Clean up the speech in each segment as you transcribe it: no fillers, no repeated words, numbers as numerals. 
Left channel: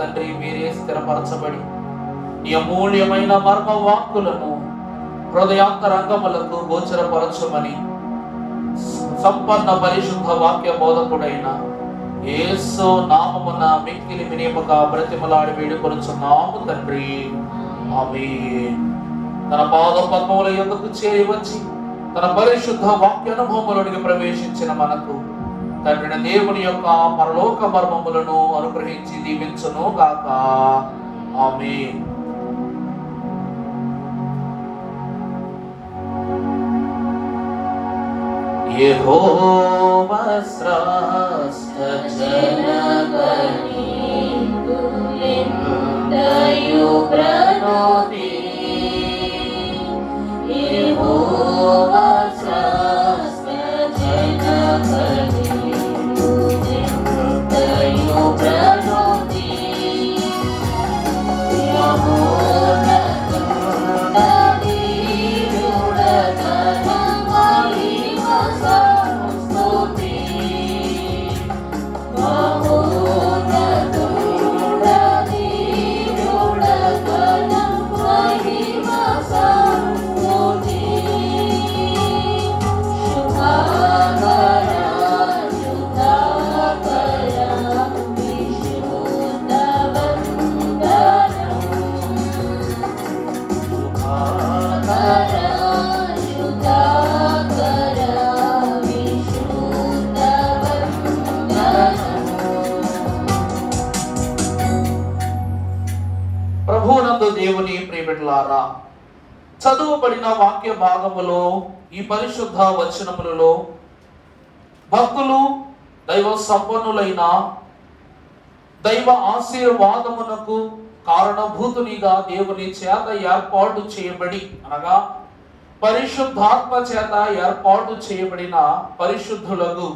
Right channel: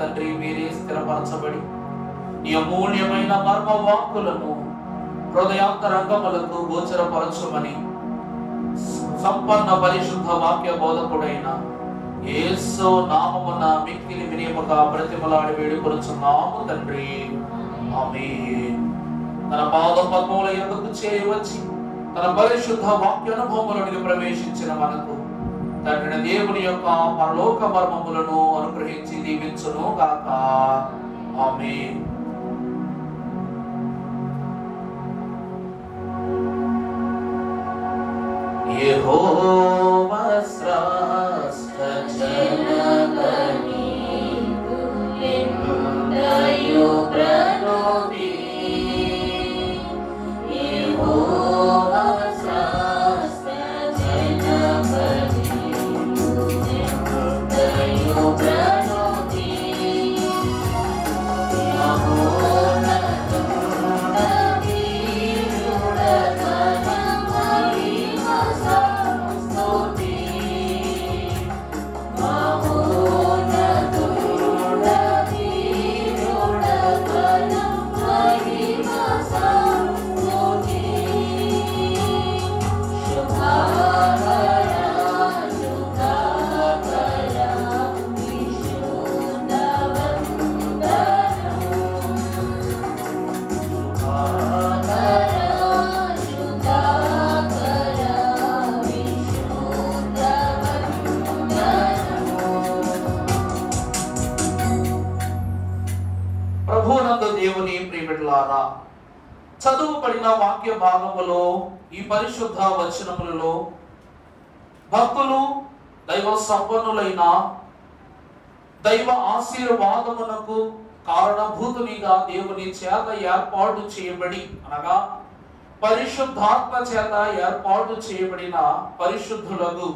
తండ్రి మీరే స్థిరపరచబడి ఈ అమూల్యమైన మర్మ వాక్కులను హృదయాంతరంగములకు గోచరపరచమని సంపన్న పరిశుద్ధ వాక్య బోధకుడైన యేసు నామమున మిక్కిలి వినేముగా బ్రతిమలాడి వేడుకొనుచున్నాము తండ్రి. ఆమేన్. తన పాద పద్మముల యొద్దకు చేరి వచ్చి తన పరిశుద్ధ వాక్య అనుభవములోనికి ప్రవేశించిన మనకు తండ్రి దేవుని యొక్క పరలోక మర్మములను అనుగ్రహించి దీవించును గాక. ఆమేన్. యెహోవా శ్రేష్ఠ జనగణి తుల్యందయు ప్రణోతి. యెహోవా శ్రేష్ఠ జనగణి తుల్యందయు ప్రణోతి. దేవుని ప్రియబిడ్డలారా, చదువుబడిన వాక్య భాగములో ఈ పరిశుద్ధ వచనములలో భక్తులు దైవ సంపన్నులైన దైవ ఆశీర్వాదమునకు కారణభూతునిగా దేవుని చేత ఏర్పాటు చేయబడి అనగా పరిశుద్ధాత్మ చేత ఏర్పాటు చేయబడిన పరిశుద్ధులకు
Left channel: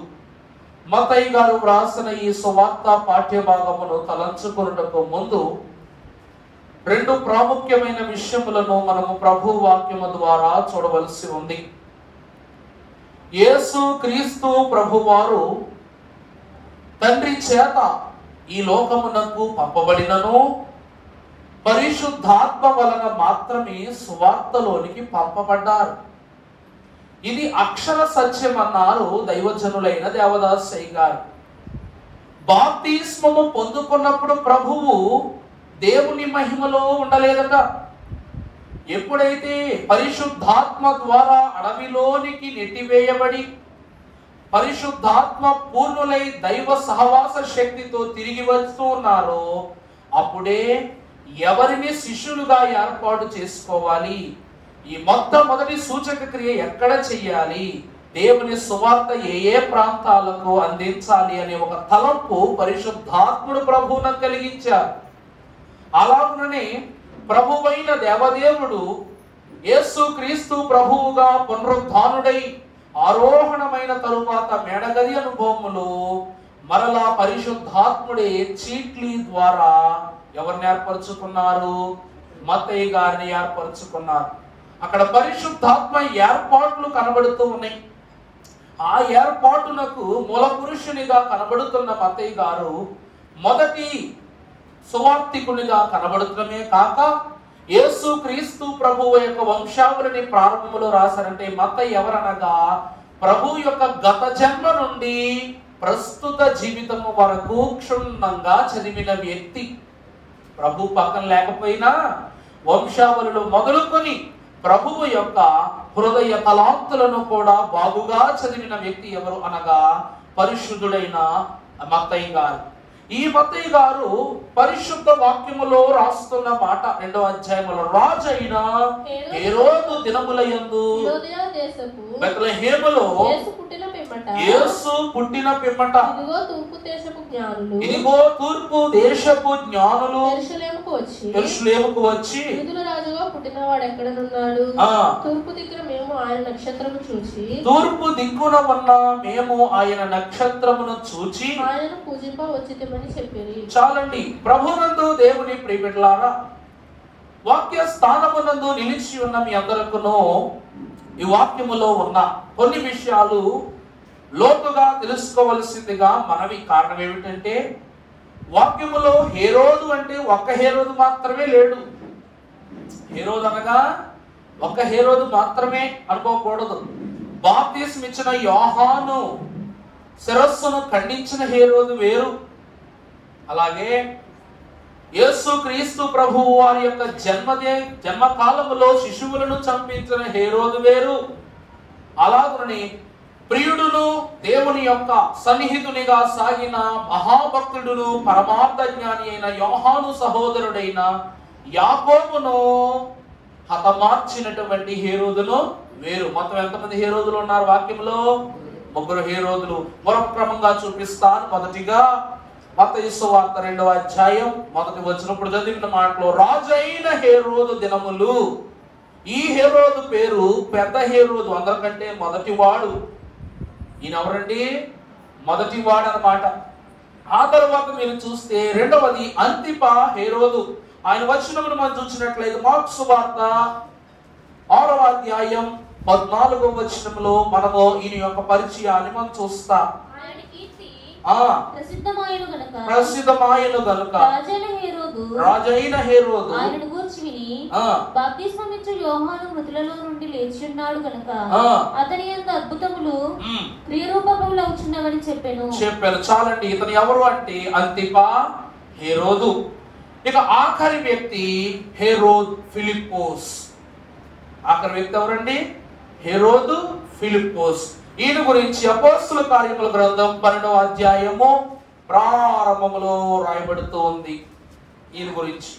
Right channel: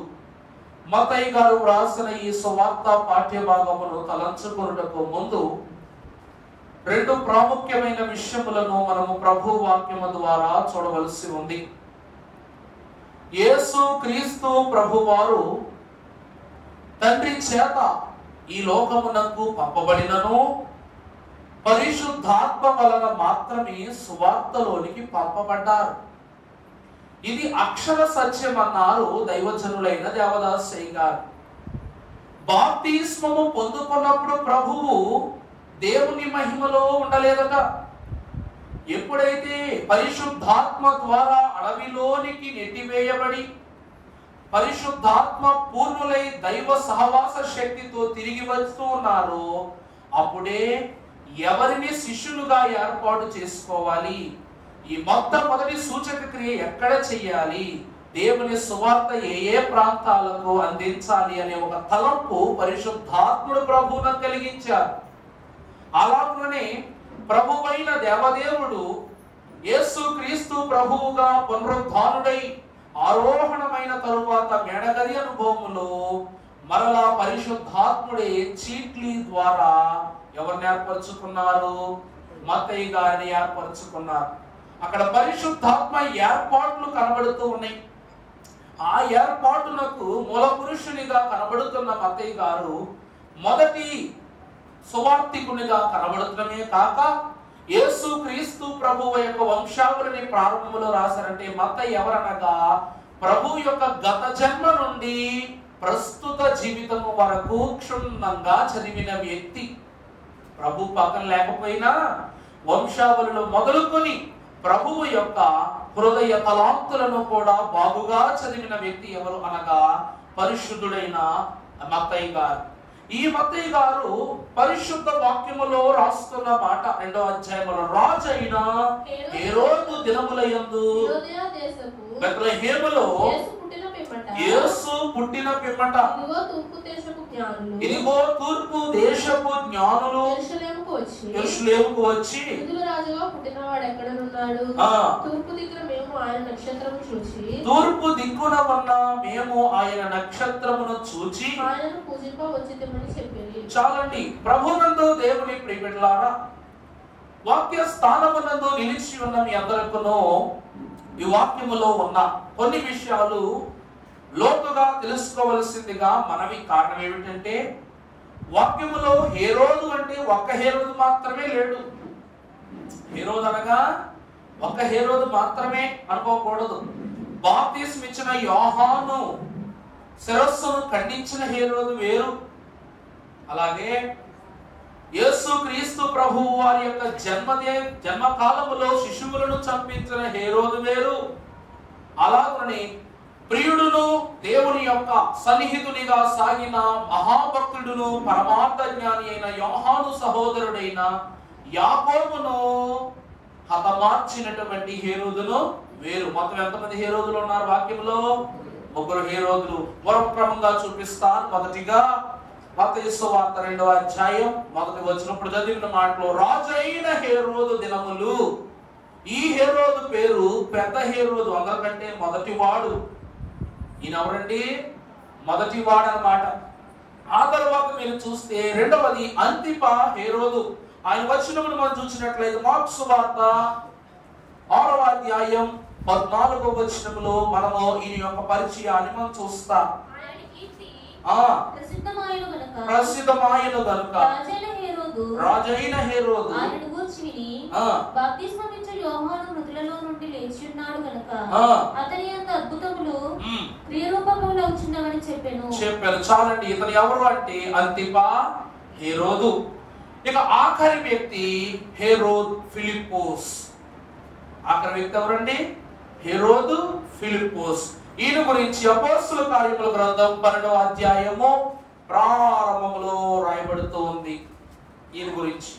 మత్తయి గారు వ్రాసిన ఈ సువార్త పాఠ్య భాగమును తలంచుకొనుటకు ముందు రెండు ప్రాముఖ్యమైన విషయములను మనము ప్రభు వాక్యము ద్వారా చూడవలసి ఉంది. యేసు క్రీస్తు ప్రభువారు తండ్రి చేత ఈ లోకమునకు పంపబడినను పరిశుద్ధాత్మ వలన మాత్రమే సువార్తలోనికి పంపబడ్డారు. ఇది అక్షర సత్యం అన్నారు దైవజనులైన దేవదాసయ్య గారు. బాప్తిస్మము పొందుకున్నప్పుడు ప్రభువు దేవుని మహిమలో ఉండలేదట. ఎప్పుడైతే పరిశుద్ధాత్మ ద్వారా అడవిలోనికి నెట్టివేయబడి పరిశుద్ధాత్మ పూర్ణులై దైవ సహవాస శక్తితో తిరిగి వస్తూ ఉన్నారో అప్పుడే ఎవరిని శిష్యులుగా ఏర్పాటు చేసుకోవాలి, ఈ మొట్టమొదటి సూచక క్రియ ఎక్కడ చెయ్యాలి, దేవుని సువార్త ఏ ప్రాంతాలకు అందించాలి అనే ఒక తలంపు పరిశుద్ధాత్ముడు ప్రభువును కలిగించారు. అలాగనే ప్రభువైన దేవదేవుడు యేసు క్రీస్తు ప్రభువుగా పునరుద్ధానుడై ఆరోహణమైన తరువాత మేడగది అనుభవములు మరలా పరిశుద్ధాత్ముడే చీట్లీ ద్వారా ఎవరిని ఏర్పరచుకున్నారు? మత్తయి గారిని ఏర్పరచుకున్నారు. అక్కడ పరిశుద్ధాత్మ ఏర్పాట్లు కనబడుతూ ఉన్నాయి. ఆ ఏర్పాటునకు మూల పురుషునిగా కనబడుతున్న మత్తయి గారు మొదటి సువార్తికునిగా కనబడుతున్నమే కాక యేసు క్రీస్తు ప్రభువు యొక్క వంశావళిని ప్రారంభంలో రాశారంటే మత్తయి ఎవరనగా ప్రభు యొక్క గత జన్మ నుండి ప్రస్తుత జీవితము వరకు క్షుణ్ణంగా చదివిన వ్యక్తి. ప్రభు పక్కన లేకపోయినా వంశావళిలో మొదలుకొని ప్రభువు యొక్క హృదయ తలాంతులను కూడా బాగుగా చదివిన వ్యక్తి ఎవరు అనగా పరిశుద్ధుడైన మత్తయి గారు. ఈ మత్తయి గారు పరిశుద్ధ వాక్యములో రాస్తున్న మాట 2వ అధ్యాయంలో రాజు అయిన హేరోదు దినములయందు బెత్లెహేములో యేసు పుట్టిన పిమ్మట ఇదిగో తూర్పు దేశపు జ్ఞానులు యెరూషలేముకు వచ్చి తూర్పు దిక్కున ఉన్న మేము ఆయన నక్షత్రమును చూచి చాలండి. ప్రభునందు దేవుని ప్రియబిడ్డలారా, వాక్య స్థానమునందు నిలిచి ఉన్న మీ అందరకును ఈ వాక్యములో ఉన్న కొన్ని విషయాలు లోతుగా తెలుసుకోవలసిందిగా మనవి. కారణం ఏమిటంటే వాక్యములో హేరోదు అంటే ఒక్క హేరోదు మాత్రమే లేడు. హేరోదు అనగా ఒక్క హేరోదు మాత్రమే అనుకోకూడదు. బాప్తిస్మం ఇచ్చిన యోహాను శిరస్సును ఖండించిన హేరోదు వేరు. అలాగే యేసు క్రీస్తు ప్రభువు వారి యొక్క జన్మకాలములో శిశువులను చంపించిన హేరోదు వేరు. అలాగని ప్రియుడును దేవుని యొక్క సన్నిహితునిగా సాగిన మహాభక్తుడును పరమార్థ జ్ఞాని అయిన యోహాను సహోదరుడైన యాకోబును హతమార్చినటువంటి హేరోదును వేరు. మొత్తం ఎంతమంది హేరోదులు ఉన్నారు వాక్యంలో? 3 హేరోదులు. మరొక క్రమంగా చూపిస్తాను. మొదటిగా మత్తయి సువార్త 2వ అధ్యాయం 1వ వచనం చదివిన మాటలో, రాజు అయిన హేరోదు దినములు. ఈ హేరోదు పేరు పెద్ద హేరోదు, అందరికంటే మొదటివాడు. ఈయన ఎవరండి? మొదటివాడు అన్నమాట. ఆ తర్వాత మీరు చూస్తే రెండవది అంతిపా హేరోదు. ఆయన వచనమును మనం చూసినట్లయితే మార్కు సువార్త 6వ అధ్యాయం 14వ వచనంలో మనము ఈయన యొక్క పరిచయాన్ని మనం చూస్తాం. ప్రసిద్ధమాయను గనుక రాజైన హేరోదు ఆయనను గూర్చి విని బాప్తిస్మం ఇచ్చు యోహాను మృతులలో నుండి లేచి ఉన్నాడు గనుక అతని యొక్క అద్భుతములు క్రియరూపములో వచ్చున్నవని చెప్పాను. చాలండి. ఇతను ఎవరు అంటే అంతిపా హేరోదు. ఇక ఆఖరి వ్యక్తి హేరోద్ ఫిలిప్పోస్. ఆఖరి వ్యక్తి ఎవరండి? హేరోదు ఫిలిప్పోస్. ఈయన గురించి అపోస్తలుల కార్యముల గ్రంథం 12వ అధ్యాయము ప్రారంభములో రాయబడుతూ ఉంది. ఈయన గురించి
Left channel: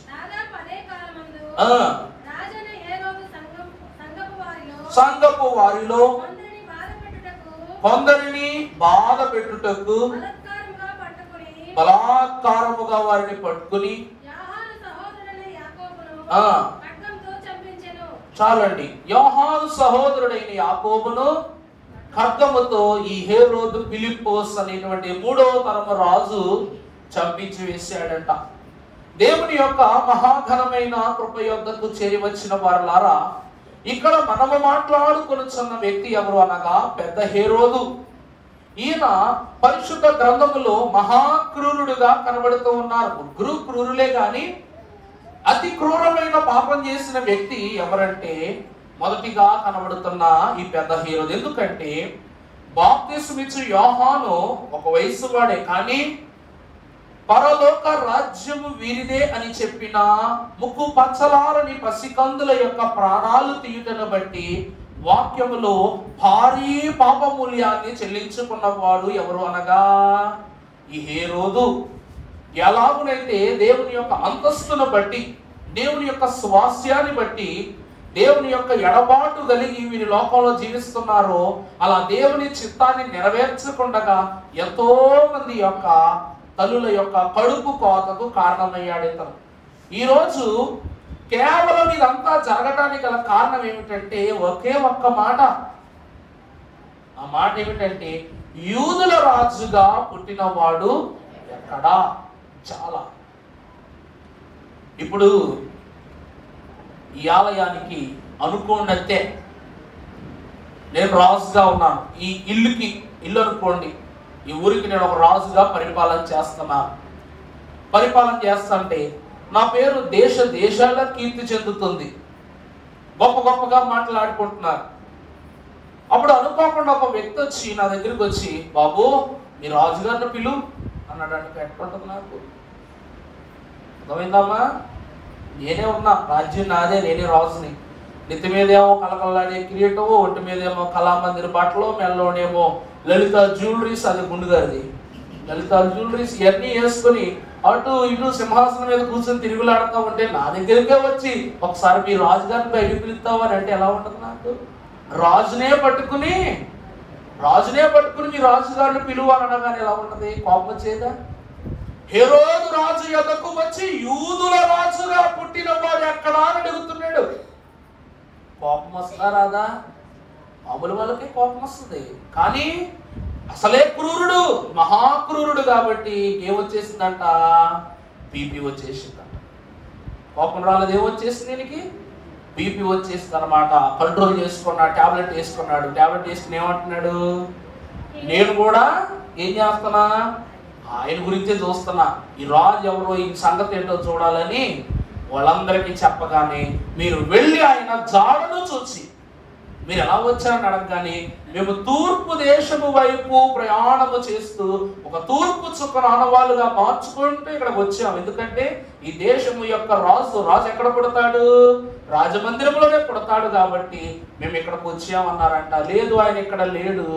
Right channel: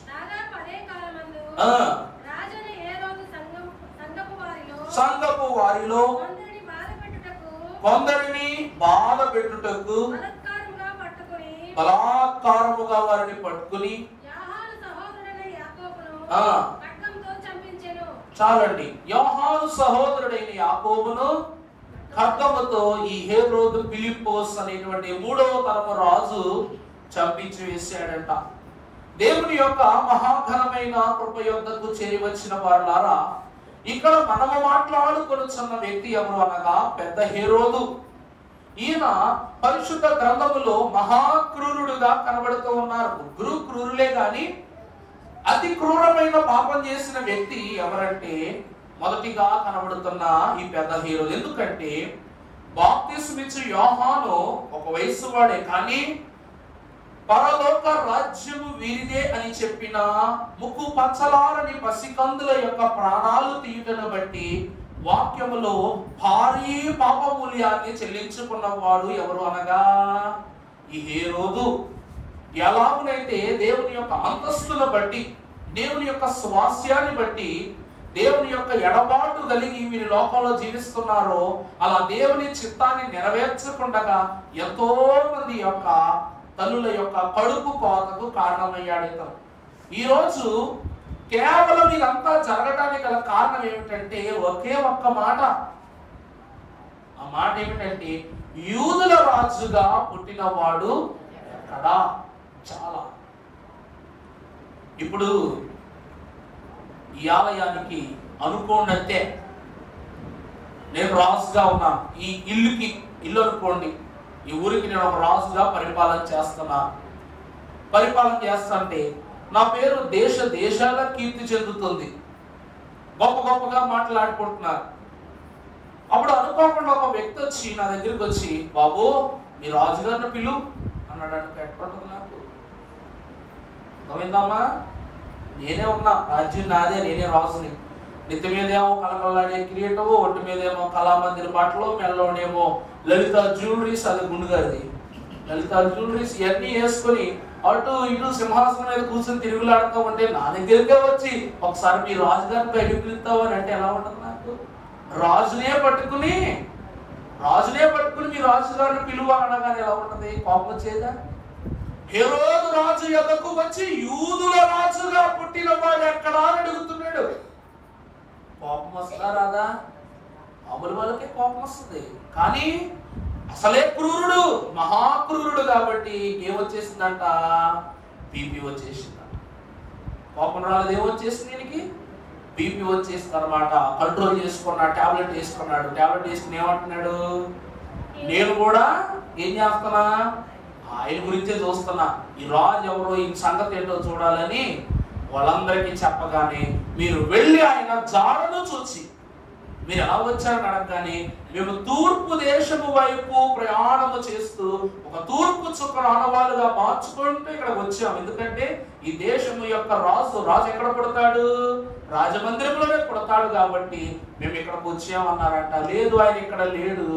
సంఘపు వారిలో కొందరిని బాధ పెట్టుటకు బలాత్కారముగా వారిని పట్టుకుని చాలండి, యోహాను సహోదరుడైన యాకోబును ఖడ్గముతో ఈ హేరోదు ఫిలిప్పోస్ అనేటువంటి 3వ తరము రాజు చంపించి వేశాడంట. దేవుని యొక్క మహాఘనమైన కృప యొద్దకు చేరి వచ్చిన వారులారా, ఇక్కడ మనము మాట్లాడుకొనుచున్న వ్యక్తి ఎవరు అనగా పెద్ద హేరోదు. ఈయన పరిశుద్ధ గ్రంథములో మహాక్రూరుడుగా కనబడుతూ ఉన్నారు. ముగ్గురు క్రూరులే గాని అతి క్రూరమైన పాపం చేసిన వ్యక్తి ఎవరంటే మొదటిగా కనబడుతున్న ఈ పెద్ద హేరోదు. ఎందుకంటే బాప్తిస్మం ఇచ్చు యోహాను ఒక వయసు వాడే, కానీ పరలోక రాజ్యము వీరిదే అని చెప్పిన ముక్కు పచ్చలారని పసికందుల యొక్క ప్రాణాలు తీయుటను బట్టి వాక్యములో భారీ పాపమూల్యాన్ని చెల్లించుకున్నవాడు ఎవరు అనగా ఈ హేరోదు. ఎలాగునైతే దేవుని యొక్క అంతస్తును బట్టి, దేవుని యొక్క స్వాస్యాన్ని బట్టి, దేవుని యొక్క ఎడబాటు కలిగి వీరి లోకంలో జీవిస్తున్నారో, అలా దేవుని చిత్తాన్ని నెరవేర్చకుండా ఎంతో మంది యొక్క తల్లుల యొక్క కడుపు కోతకు కారణమయ్యాడు ఇతను. ఈరోజు కేవలం ఇదంతా జరగడానికి గల కారణం ఏమిటంటే ఒకే ఒక్క మాట. ఆ మాట ఏమిటంటే యూదుల రాజుగా పుట్టినవాడు ఎక్కడా? చాలా. ఇప్పుడు ఈ ఆలయానికి అనుకోండి, నేను రాజుగా ఉన్నాను. ఈ ఇల్లు అనుకోండి, ఈ ఊరికి నేను ఒక రాజుగా పరిపాలన చేస్తున్నాను. పరిపాలన చేస్తుంటే నా పేరు దేశాల కీర్తి చెందుతుంది, గొప్పగా మాట్లాడుకుంటున్నారు. అప్పుడు అనుకోకుండా ఒక వ్యక్తి వచ్చి నా దగ్గరికి వచ్చి, బాబు మీ రాజుగారిని పిలు అన్నాడు. అంటే ఎట్లుంటుంది నాకు? గోవిందమ్మా, నేనే ఉన్నా, రాజ్యం నాదే, నేనే రాజుని. నెత్తి మీదేమో కలకలాడే కిరీటము, ఒంటి మీదేమో కళామందిర బట్టలు, మెల్లోనేమో లలిత జ్యువెలరీస్, అది గుండుగాది లలిత జ్యువెలరీస్ ఇవన్నీ వేసుకుని అటు ఇటు సింహాసనం మీద కూర్చొని తిరుగులాడుతూ ఉంటే నా దగ్గరికే వచ్చి ఒకసారి మీ రాజుగారిని బయటకు పిలుస్తావు అని అంటే ఎలా ఉంటుంది నాకు? రాజునే పట్టుకుని మీ రాజుగారిని పిలువ అనగానే ఎలా ఉంటది? కోపం వచ్చేదా? హేరోదు రాజు యొద్దకు వచ్చి యూదుల రాజుగా పుట్టిన వాడు ఎక్కడా అని అడుగుతున్నాడు. కోపం వస్తుందా రాదా? మామూలు వాళ్ళకి కోపం వస్తుంది. కానీ అసలే క్రూరుడు, మహాక్రూరుడు కాబట్టి ఏమొచ్చేసిందంట? బీపీ వచ్చేసిందంట. కోపం రాలేదు, ఏమొచ్చేసింది దీనికి? బీపీ వచ్చేసింది అనమాట. కంట్రోల్ చేసుకున్నాడు, టాబ్లెట్ వేసుకున్నాడు. టాబ్లెట్ వేసుకుని ఏమంటున్నాడు? నేను కూడా ఏం చేస్తున్నా? ఆయన గురించే చూస్తున్నా, ఈ రాజు ఎవరో, ఈ సంగతి ఏంటో చూడాలని వాళ్ళందరికీ చెప్పగానే మీరు వెళ్ళి ఆయన జాడను చూసి, మీరు ఎలా వచ్చారని అడగగానే, మేము తూర్పు దేశము వైపు ప్రయాణము చేస్తూ ఒక తూర్పు చుక్కను ఆనవాళ్ళుగా మార్చుకుంటూ ఇక్కడికి వచ్చాము. ఎందుకంటే ఈ దేశము యొక్క రాజు ఎక్కడ పుడతాడు? రాజమందిరంలోనే పుడతాడు కాబట్టి మేము ఇక్కడికి వచ్చామన్నారంట. లేదు, ఆయన ఇక్కడ లేడు,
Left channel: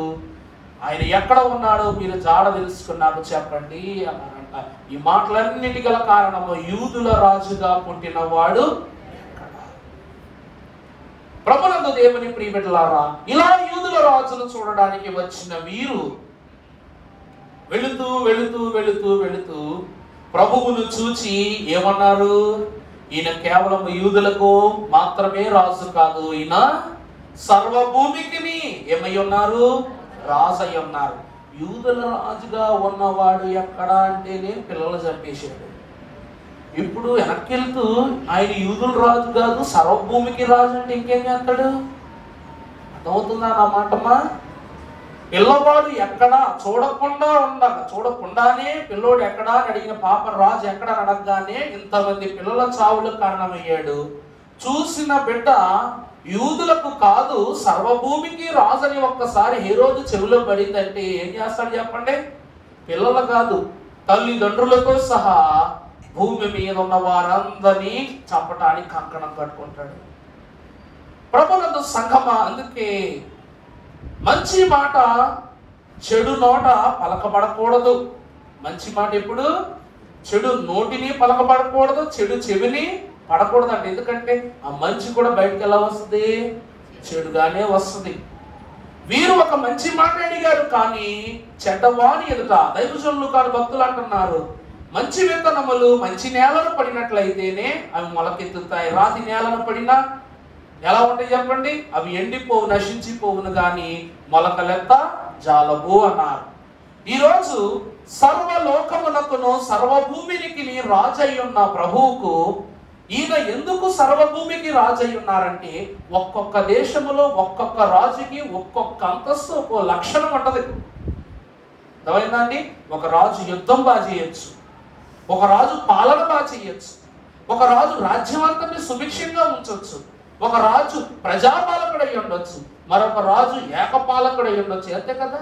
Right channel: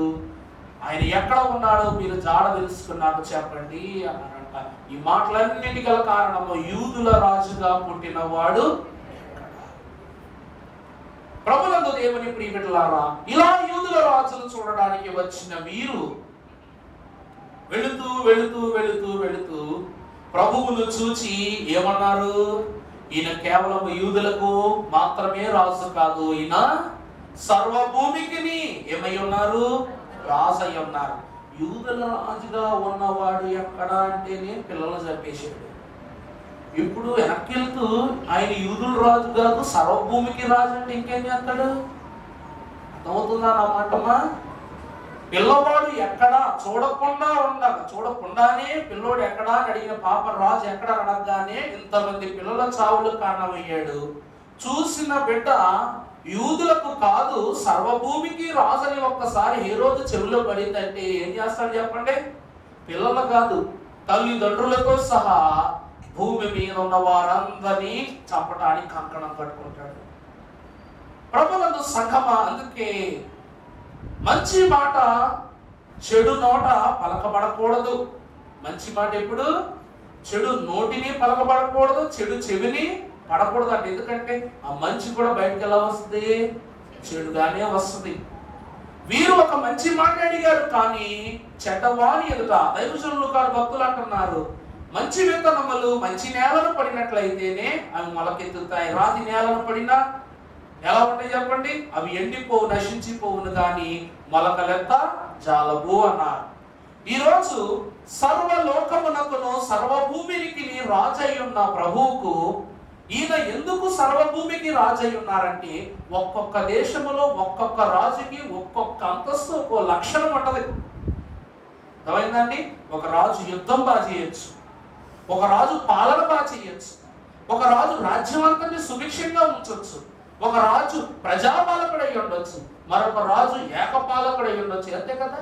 ఆయన ఎక్కడ ఉన్నాడో మీరు జాడ తెలుసుకున్నారు చెప్పండి అన్నారంట. ఈ మాటలన్నిటి గల కారణము యూదుల రాజుగా పుట్టినవాడు ప్రభునందు దేవుని ప్రియబిడ్డలారా, ఇలా యూదుల రాజును చూడడానికి వచ్చిన వీరు వెళుతూ వెళుతూ వెళుతూ వెళుతూ ప్రభువును చూచి ఏమన్నారు? ఈయన కేవలం యూదులకు మాత్రమే రాజు కాదు, ఈయన సర్వభూమికి ఏమై ఉన్నారు? రాజు అయి ఉన్నారు. యూదుల రాజుగా ఉన్నవాడు ఎక్కడ అంటేనే పిల్లలు చంపేశాడు. ఇప్పుడు వెనక్కి వెళ్తూ ఆయన యూదుల రాజు కాదు, సర్వభూమికి రాజు అంటే ఇంకేం చేస్తాడు? అర్థమవుతుందా నా మాటమా? పిల్లవాడు ఎక్కడా చూడకుండానే పిల్లోడు ఎక్కడా అని అడిగిన పాప రాజు ఎక్కడ అడగగానే ఇంతమంది పిల్లల చావులకు కారణమయ్యాడు. చూసిన బిడ్డ యూదులకు కాదు సర్వభూమికి రాజని ఒక్కసారి హేరోదు చెవిలో పడిందంటే ఏం చేస్తాడు చెప్పండి? పిల్లలు కాదు, తల్లిదండ్రులతో సహా భూమి మీద ఉన్న వారందరినీ చంపడానికి కంకణం కట్టుకుంటాడు. ప్రభునందు సంఘమా, అందుకే మంచి మాట చెడు నోట పలకబడకూడదు. మంచి మాట ఎప్పుడు? చెడు నోటిని పలకబడకూడదు, చెడు చెవిని పడకూడదు అంటే. ఎందుకంటే ఆ మంచి కూడా బయటకు ఎలా వస్తుంది? చెడుగానే వస్తుంది. వీరు ఒక మంచి మాట అడిగారు, కానీ చెడ్డవాని ఎదుట దైవజనులు కాదు భక్తులు అంటున్నారు, మంచి విత్తనములు మంచి నేలను పడినట్లయితేనే అవి మొలకెత్తుతాయి. రాతి నేలను పడినా ఎలా ఉంటాయి చెప్పండి? అవి ఎండిపోవు, నశించిపోవును, గాని మొలకలెత్త జాలబు అన్నారు. ఈరోజు సర్వలోకమునకును సర్వభూమికి రాజయ్యున్న ప్రభువుకు ఈయన ఎందుకు సర్వభూమికి రాజయ్య ఉన్నారంటే, ఒక్కొక్క దేశములో ఒక్కొక్క రాజుకి ఒక్కొక్క అంతస్తు ఒక్కో లక్షణం ఉంటది. అర్థమైందండి? ఒక రాజు యుద్ధం బాగా చేయొచ్చు, ఒక రాజు పాలన బాగా చేయొచ్చు, ఒక రాజు రాజ్యం అంతటిని సుభిక్షంగా ఉంచవచ్చు, ఒక రాజు ప్రజాపాలకుడై ఉండొచ్చు, మరొక రాజు ఏకపాలకుడై ఉండొచ్చు. అంతే కదా?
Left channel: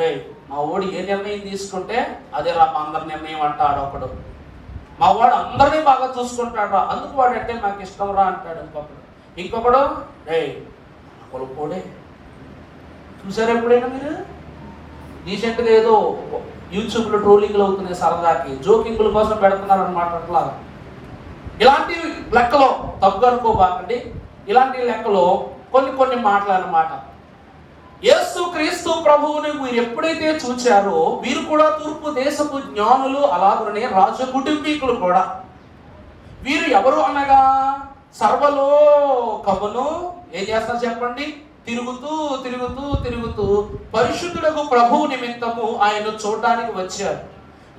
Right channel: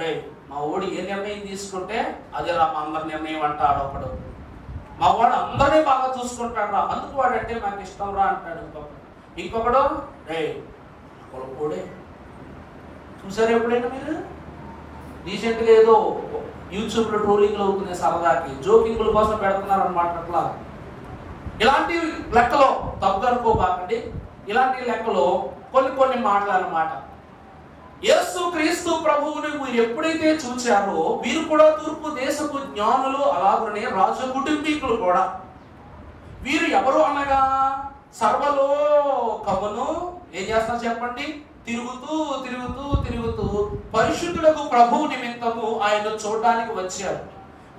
రే మా ఓడి ఏ నిర్ణయం తీసుకుంటే అదే రా మా అందరి నిర్ణయం అంటాడు ఒకడు. మా వాడు అందరినీ బాగా చూసుకుంటాడు రా, అందుకు వాడంటే నాకు ఇష్టం రా అంటాడు ఇంకొకడు. రే కొడుకోడే చూసారా ఎప్పుడైనా మీరు? రీసెంట్గా ఏదో యూట్యూబ్ లో ట్రోలింగ్లు అవుతున్నాయి, సరదాకి జోకింగ్ల కోసం పెడుతున్నారు అనమాట. అట్లా ఇలాంటి లెక్కలో తప్పు అనుకోబాకండి. ఇలాంటి లెక్కలో కొన్ని మాటలు అన్నమాట. యేసు క్రీస్తు ప్రభువుని మీరు ఎప్పుడైతే చూచారో వీరు కూడా తూర్పు దేశపు జ్ఞానులు, అలాగనే రాజ కుటుంబీకులు కూడా. వీరు ఎవరు అనగా సర్వలోకమును ఏం చేస్తారు చెప్పండి? తిరుగుతూ తిరుగుతూ తిరుగుతూ పరిశుద్ధులకు ప్రభువు నిమిత్తము ఆయన చూడడానికి వచ్చారు.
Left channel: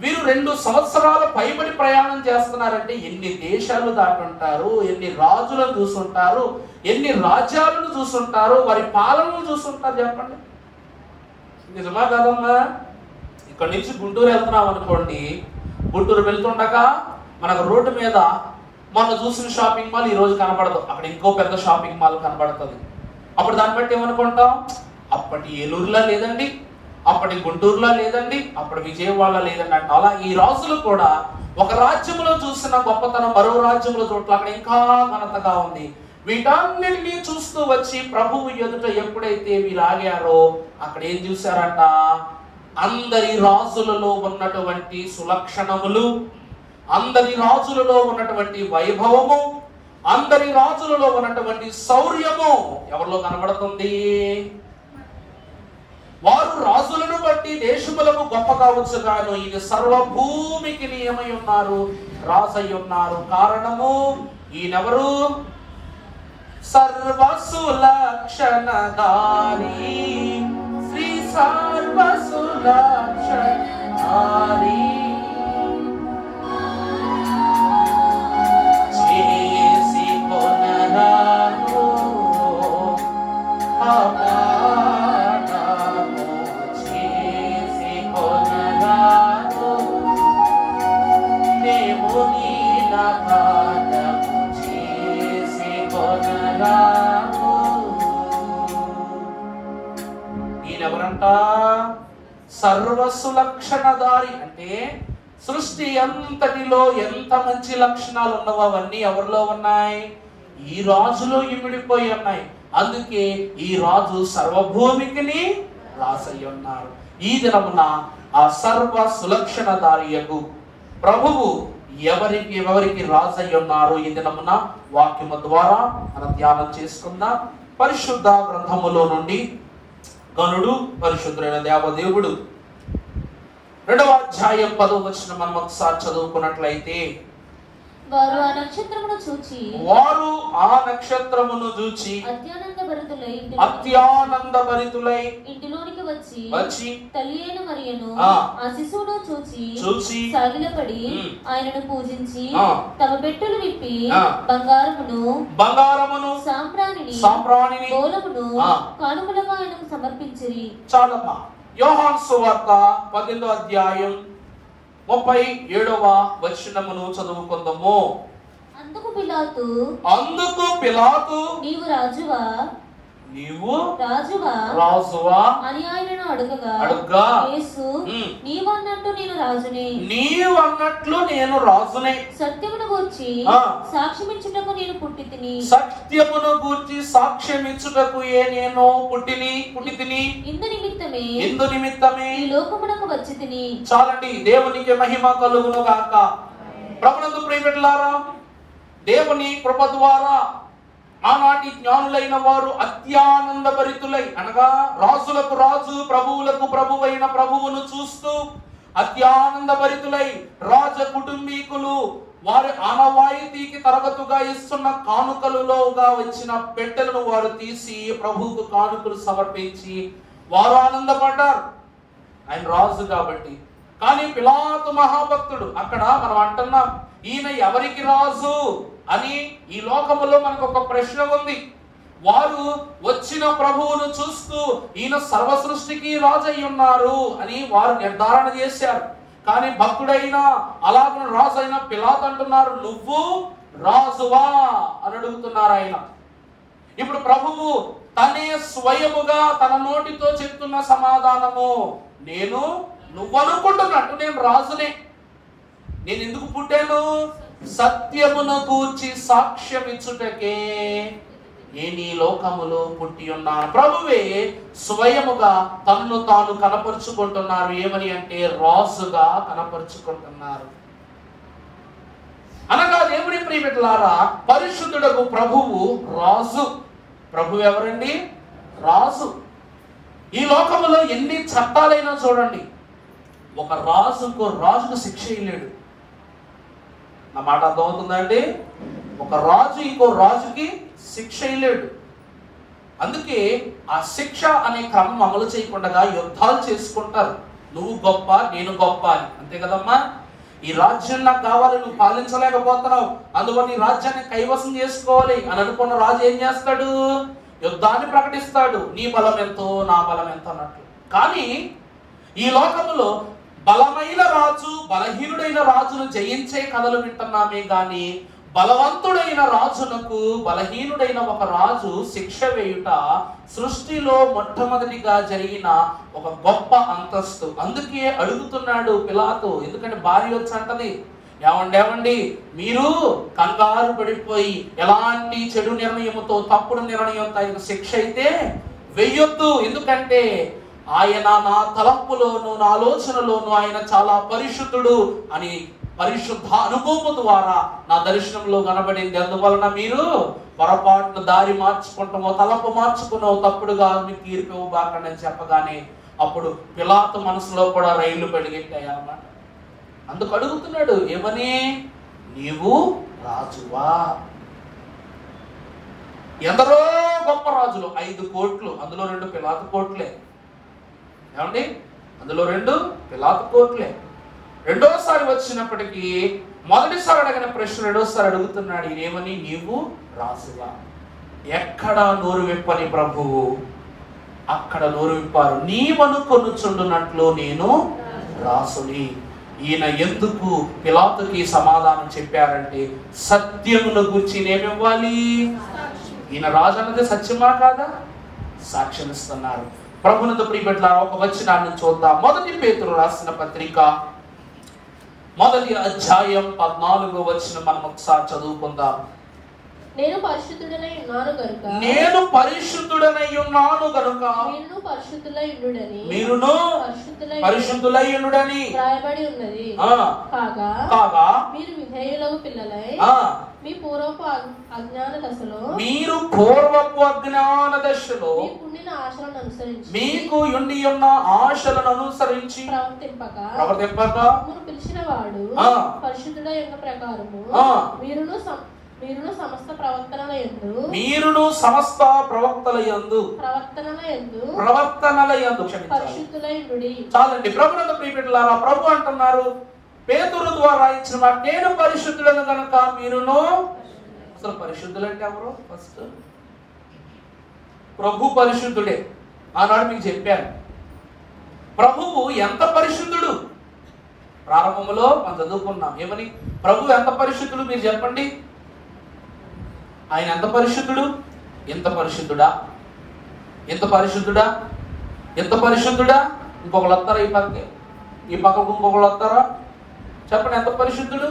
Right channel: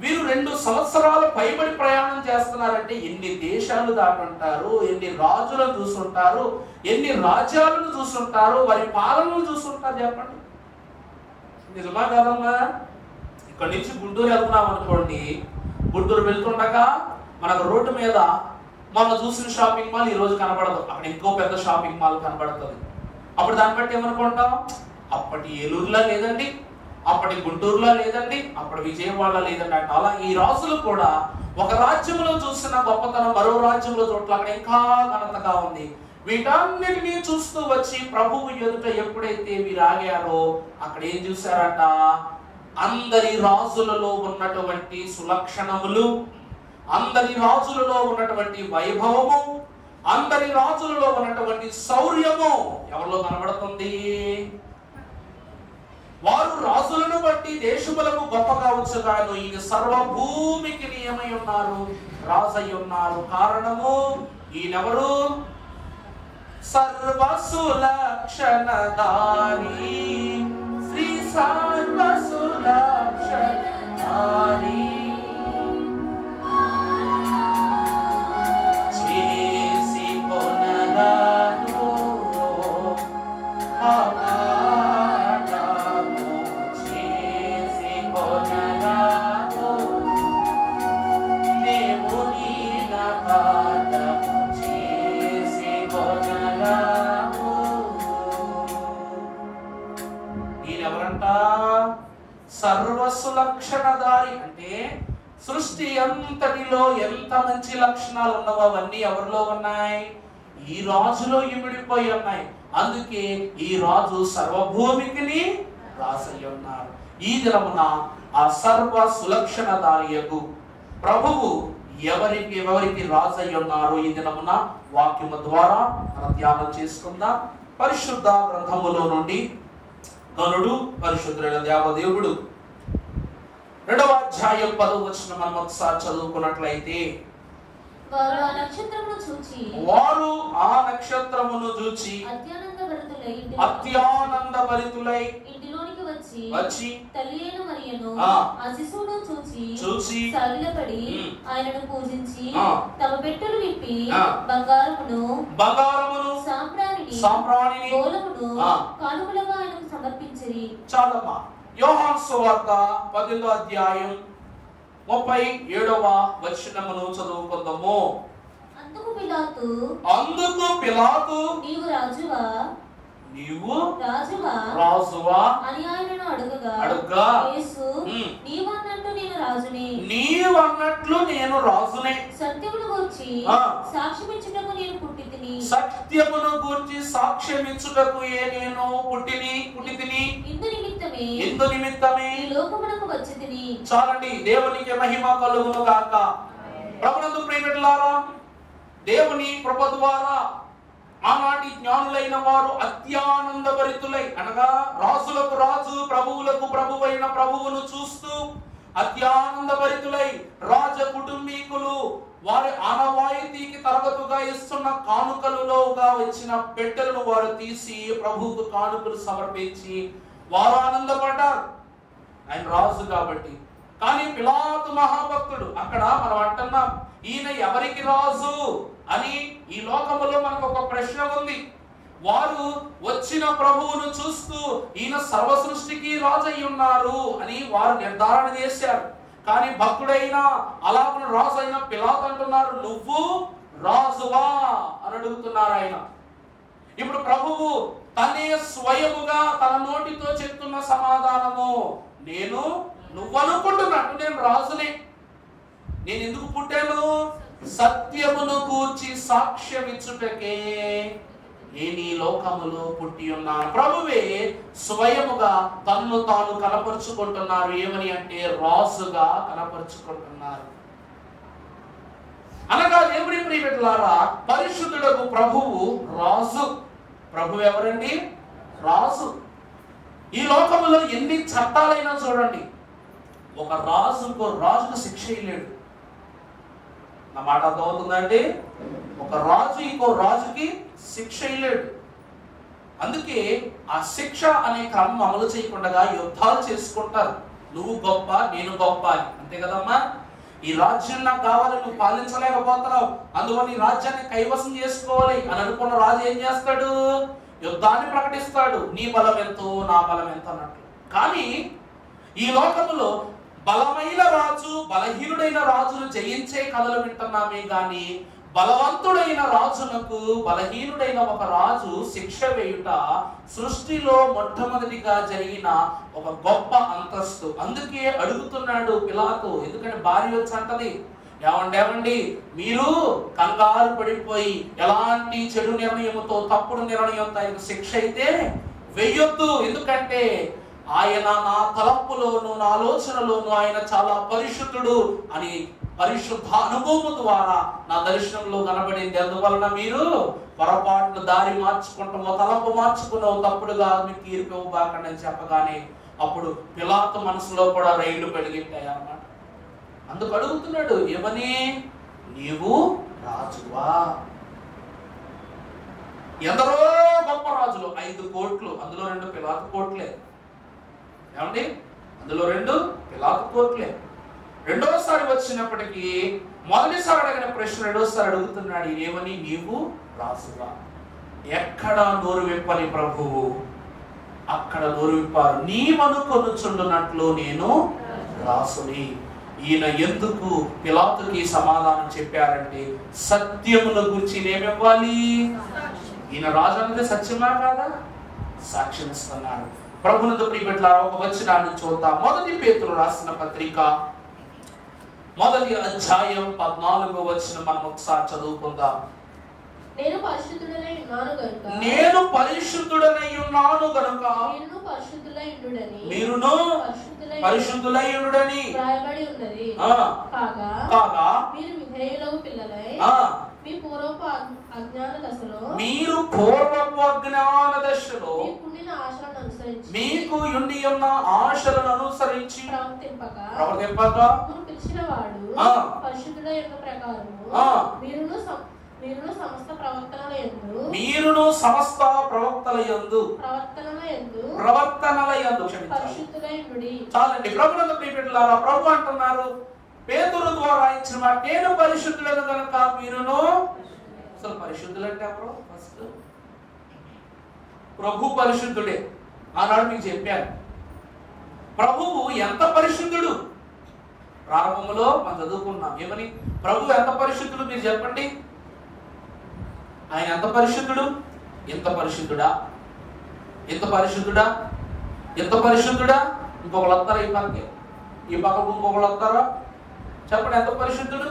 వీరు 2 సంవత్సరాల పైబడి ప్రయాణం చేస్తున్నారంటే ఎన్ని దేశాలు దాటుంటారు, ఎన్ని రాజులను చూసుంటారు, ఎన్ని రాజ్యాలను చూసుంటారు, వారి పాలనను చూసుంటారు చెప్పండి. నిజమా కాదమ్మా? ఇక్కడ నుంచి గుంటూరు వెళ్తున్నాం అనుకోండి, గుంటూరు వెళ్తుండగా మనకు రోడ్డు మీద మొన్న చూసిన షాపింగ్ మాల్ ఈ రోజు కనబడదు, అక్కడ ఇంకో పెద్ద షాపింగ్ మాల్ కనబడుతుంది. అప్పుడు దాన్ని బట్టి ఏమనుకుంటాం? అప్పటి ఏలూరులో లేదండి, అప్పటి గుంటూరులో లేదండి, అప్పటి విజయవాడలో లేదండి అంటే. అలా ఈ రాజులు కూడా ఒక రాజ్యంలో చూసిన గొప్పతనం మరో రాజ్యంలో చోట్ల అక్కడ ఇంకా ఘనతగా ఉంది. వీటన్నిటినీ చూస్తూ వచ్చి ప్రభువు ఎదుట ఎప్పుడైతే వీరు ఆగారో అక్కడ ఏం చూశారట? అందరి రాజులలో ఉన్నటువంటి సులక్షణములు, అందరి రాజులలో ఉన్నటువంటి వైభవము, అందరి రాజులలో ఉన్నటువంటి శౌర్యము ఎవరిలో కనబడుతుంది? వారు రాజులను బట్టి దేశములకు గొప్ప కావచ్చు, కానీ ఈయన సర్వభూమికి ఏమై ఉన్నారు? రాజై ఉన్నారు. కారణము ఈయనెవరు? సర్వసులక్షణధారి, శ్రీ సర్వసులక్షణధారి, చేసి కొనరాను అపానము, చేసి కొనరాను కార్యము చేసి కొనరాము. ఈయనెవరంట? సర్వసులక్షణధారి. అంటే సృష్టి అంతటిలో ఎంత మంచి లక్షణాలు ఉన్నవో అవన్నీ ఎవరిలో ఉన్నాయి? ఈ రాజులో ఇమిడిపోయి ఉన్నాయి. అందుకే ఈ రాజు సర్వభూమికి రాసయ్య ఉన్నారు. ఈ దినమున ఆ సర్వ సులక్షణధారియకు ప్రభువు ఎవరికి రాజయ్య ఉన్నారు ఈ దినమున వాక్యము ద్వారా మనం ధ్యానం చేసుకుందాం. పరిశుద్ధ గ్రంథములో నుండి గనుడు పరిశుద్ధుడైన దేవదేవుడు 2వ అధ్యాయం 10వ వచనం మనం ఒకసారి చదువుకున్నట్లయితే, వారు ఆ నక్షత్రమును చూచి అత్యానందభరితులై ఇంటిలోనికి వచ్చి తల్లి అయిన మరియను ఆ శిశువును చూచి సాగిలపడి ఆయనను పూజించి తమ పెట్టెలు విప్పి బంగారమును సాంబ్రాణిని గోళమును కానుకలుగా ఆయనకు సమర్పించిరి. చాలమ్మా. యోహాను సువార్త 10వ అధ్యాయం 37వ వచనమును చదువుకుందాము. అందుకు పిలాతు నీవు రాజువా అని ఆయనను అడుగగా యేసు నీవన్నట్టు నేను రాజునే సత్యమును గూర్చి సాక్ష్యమిచ్చుటకు నేను పుట్టితిని నేను పుట్టితిని ఇందు నిమిత్తమే ఈ లోకమునకు వచ్చితిని. చాలండి. దేవునికి మహిమ కలుగును గాక. ప్రభునందు ప్రియమిత్రులారా, దేవుని కృప ద్వారా ఆనాటి జ్ఞానులైన వారు అత్యానందభరితులై, అనగా రాజులకు రాజు ప్రభువులకు ప్రభువైన ప్రభువును చూస్తూ అత్యానందభరితులై రాజ కుటుంబీకులు వారి ఆనవాయితీకి తరగతుగా ఇస్తున్న కానుకలుగా వచ్చిన పెట్టెలను వారు తీసి ప్రభువుకు కానుకలు సమర్పించి వారు ఆనందపడ్డారు. ఆయన రాజు కాబట్టి. కానీ పిలాతు మహాభక్తుడు. అక్కడ మనం అంటున్నాం, ఈయన ఎవరికి రాజు అని ఈ లోకములో మనకు ఒక ప్రశ్న ఉంది. వారు వచ్చిన ప్రభువును చూస్తూ ఈయన సర్వ సృష్టికి రాజు అయి ఉన్నారు అని వారు నిర్ధారణ చేశారు. కానీ భక్తుడైన అలాగే రాజు అయిన పిలాతు అంటున్నారు, నువ్వు రాజువా అని అడుగుతున్నారు ఆయన. ఇప్పుడు ప్రభువు తనే స్వయముగా తన నోటితో చెప్తున్న సమాధానము, నువ్వు అనుకుంటున్నట్టు నేను రాజునే. నేను ఎందుకు పుట్టాను? సత్యమును గూర్చి సాక్ష్యం ఇచ్చుటకే నేను ఈ లోకములో పుట్టి ఉన్నాను. ప్రభువే స్వయముగా తన్ను తాను కనపరుచుకుంటున్నారు. ఏమని అంటే రాజుగా కనపరుచుకుంటున్నారు. అనగా దేవుని ప్రియమిత్రులారా, పరిశుద్ధుడకు ప్రభువు రాజు. ప్రభు ఎవరండి? రాజు. ఈ లోకములో ఎన్ని చట్టాలైనా చూడండి, ఒక రాజుకు శిక్ష ఇల్లేడు. నా మాట అర్థమవుతుందండి? ఒక రాజు ఇంకో రాజుకి శిక్ష ఇల్లేడు. అందుకే ఆ శిక్ష అనే క్రమం అమలు చేయకుండా యుద్ధాలు చేసుకుంటారు. నువ్వు గొప్ప, నేను గొప్ప అని. అంతే కదమ్మా? ఈ రాజ్యం నాకు కావాలి, నువ్వు పాలించలేకపోతున్నావు, అందుకని ఈ రాజ్యాన్ని కైవసం చేసుకోవాలి అని అనుకున్న రాజు ఏం చేస్తాడు? యుద్ధాన్ని ప్రకటిస్తాడు. నీ బలం ఎంతో, నా బలం ఎంత అన్నట్లు. కానీ ఈ లోకంలో బలమైన రాజు బలహీనుడైన రాజును జయించే కథలు వింటున్నామే గాని బలవంతుడైన రాజునకు బలహీనుడైన ఒక రాజు శిక్ష వేయుట సృష్టిలో మొట్టమొదటిగా జరిగిన ఒక గొప్ప అంతస్తు. అందుకే అడుగుతున్నాడు పిలాతు. ఎందుకంటే భార్య వచ్చి అంటది, ఏమండి మీరు కంగారు పడిపోయి ఎలాంటి చెడు నిర్ణయంతో తప్పుడు నిర్ణయంతో ఆయనకు శిక్ష అయితే వెయ్యొద్దు. ఎందుకంటే ఆయన నా తలంపులోను నా ఆలోచనలోను ఆయన చాలా పరిశుద్ధుడు అని పరిశుద్ధ అనుభవం ద్వారా నా దర్శనంలో కనబడింది. అందువలన మీరు పొరపాటును దారి మార్చుకుంటామో తలంపు మార్చుకున్నావు, తప్పుడుగా మీకు తీర్పు ఇవ్వబాకండి అని చెప్పగానే అప్పుడు పిలాతు మనసులో కూడా రైళ్లు పెరిగిట్టాయి అన్నమాట. అందుకు అడుగుతున్నాడు, ఏమని? నీవు రాజువా? ఎందరో గొప్ప రాజులు, 5 కోట్లు, అందులో 2 పిలాతు కోట్లే. ఏమండి? అందులో 2 పిలాతు కోట్లే. రెండోసారి వచ్చినప్పటికీ మొదటిసారి అడిగిన ప్రశ్న రెండోసారి అడుగుతున్నాడు, ఏమని? నీవు రాజువా? ఎక్కడ నోరు విప్పని ప్రభువు అక్కడ నోరు విప్పారు. నీవనుకొనుచుండునట్లు నేను రాసుని. ఈయన ఎందుకు పిలాతుకి సమాధానం చెప్పారంటే సత్యమును గురించి ఏమివ్వాలి. ఈయన రాజు అన్నది సత్యమా కాదా? సాక్ష్యం ఇస్తున్నారు. ప్రభునందు ప్రియబిడ్డలారా, ఒక వచనాన్ని చూద్దాం. మొదటి పేతురు రాసిన పత్రిక 1వ అధ్యాయం 14వ వచనం మనం ఒకసారి చదువుకుందాం. నేను పరిశుద్ధుడనై ఉన్నాను గనుక మీరును పరిశుద్ధులై ఉండుడని రాయబడి ఉన్నది. కాగా మీరు విధేయులకు పిల్లలై మీ పూర్వపు అజ్ఞాన దశలో మీకు ఉండి ఉన్న ఆశలను అనుసరించి ప్రవర్తింపక పిలిచిన వాడు పరిశుద్ధుడ యొక్క ప్రకారము మీరును సమస్త ప్రవక్తల యందు చాలండి. ప్రభునందు ప్రియబిడ్డలారా, ప్రభు అంటున్నారు పేతురు ద్వారా ఇచ్చిన మాట, నేను పరిశుద్ధులను కనుక మీరును. అసలు పరిశుద్ధులు అంటే ఎవరు? ఫస్ట్ ప్రభు పరిశుద్ధుడే. ఆనాడు మీకు చెప్పాను ప్రభువు ఎంత పరిశుద్ధుడు. ప్రారంభంలో మనం చదువుకున్నాం ఏమని, ప్రభు ఎంత పరిశుద్ధుడు మీరు చెప్పండి. ఆయన ఎంత పరిశుద్ధుడు? ఎంత పరిశుద్ధుడా? ఎంత పరిశుద్ధుడా? ఎంత పరిశుద్ధుడా? ఇంకొకరు వస్తారా ఈ పక్కకి? ఈ పక్కకు ఇంకొకరు వస్తారా? చెప్పండి, ఎంత పరిశుద్ధుడు?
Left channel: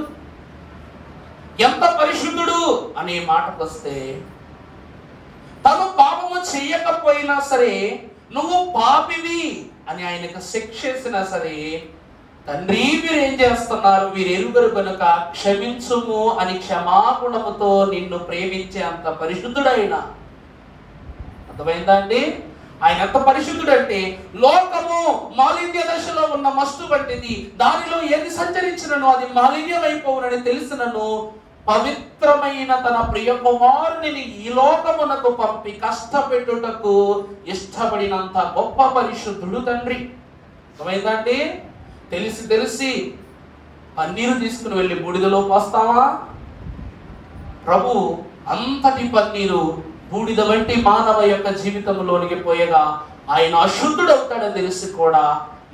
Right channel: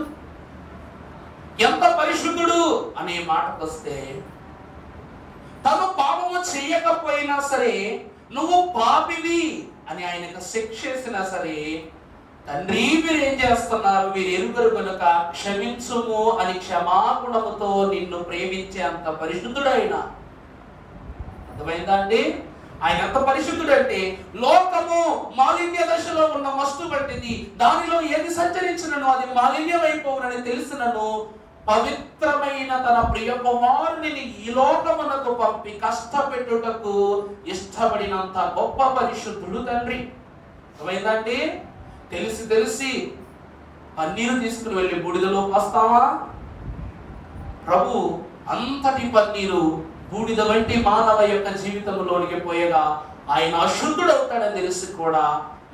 ఎంత పరిశుద్ధుడు అనే మాటకు వస్తే, తను పాపము చెయ్యకపోయినా సరే నువ్వు పాపివి అని ఆయనకు శిక్షేసినా సరే, తండ్రి మీరు ఏం చేస్తున్నారు, వీరు ఎరుగరు కనుక క్షమించుము అని క్షమాగుణముతో నిన్ను ప్రేమించే అంత పరిశుద్ధుడైన. అర్థమైందా అండి? ఆయన ఎంత పరిశుద్ధుడంటే లోకము మాలిన్య దశలో ఉన్న మస్తు వంటిది, దానిలో ఏది సంచరించినను అది మాలిన్యం అయిపోవునని తెలిసినను పవిత్రమైన తన ప్రియ కుమారుని ఈ లోకమునకు పంపి కష్టపెట్టుటకు ఇష్టపడినంత గొప్ప పరిశుద్ధుడు తండ్రి. అర్థమైందండి? తెలిసి పన్నీరు తీసుకుని వెళ్ళి బూడిదలో పోస్తావా? ప్రభు అంతటి పన్నీరు బూడిద వంటి మానవ యొక్క జీవితంలోనికి పోయగా ఆయన అశుద్ధుడవుతాడని తెలిసి కూడా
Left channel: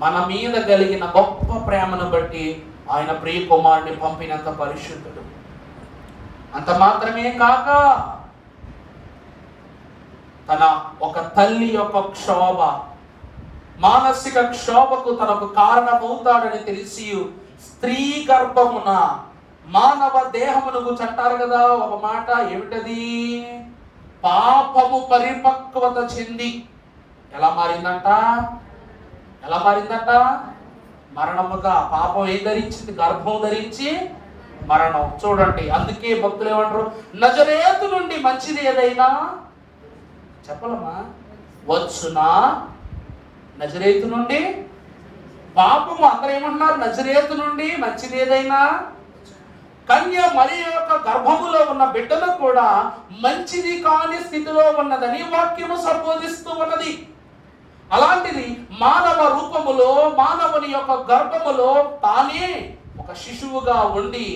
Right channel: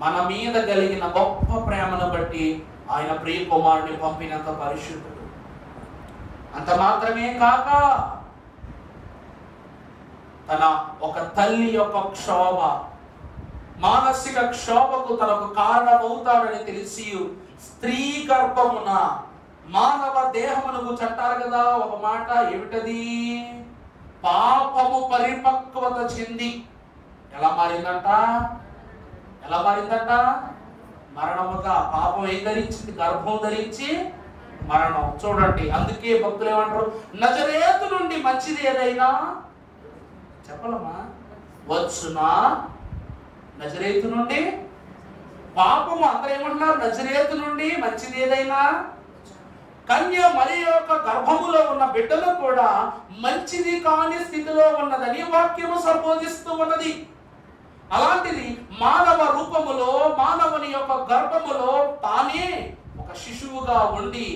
మన మీద కలిగిన గొప్ప ప్రేమను బట్టి ఆయన ప్రియ కుమారుని పంపినంత పరిశుద్ధుడు. అంత మాత్రమే కాక తన ఒక తల్లి యొక్క క్షోభ, మానసిక క్షోభకు తనకు కారణమవుతాడని తెలిసి స్త్రీ గర్భమున మానవ దేహమును అంటారు కదా ఒక మాట, ఏమిటది? పాపము పరిపక్వత చెంది ఎలా మారిందంట? మరణముగా. పాపం ఏం ధరించింది? గర్భం ధరించి మరణం. చూడండి, అందుకే భక్తులు ఏమంటారు, నజరేతు నుండి మంచిది ఏదైనా చెప్పలమ్మా వచ్చునా? నజరేతు నుండి పాపము, అందరూ ఏమంటున్నారు? నజరేతు నుండి మంచిది ఏదైనా. కన్య మరియ యొక్క గర్భములో ఉన్న బిడ్డలు కూడా మంచిది కాని స్థితిలో ఉన్నదని వాక్యము సంబోధిస్తూ ఉన్నది. అలాంటిది మానవ రూపములో, మానవుని యొక్క గర్భములో తానే ఒక శిశువుగా ఉండి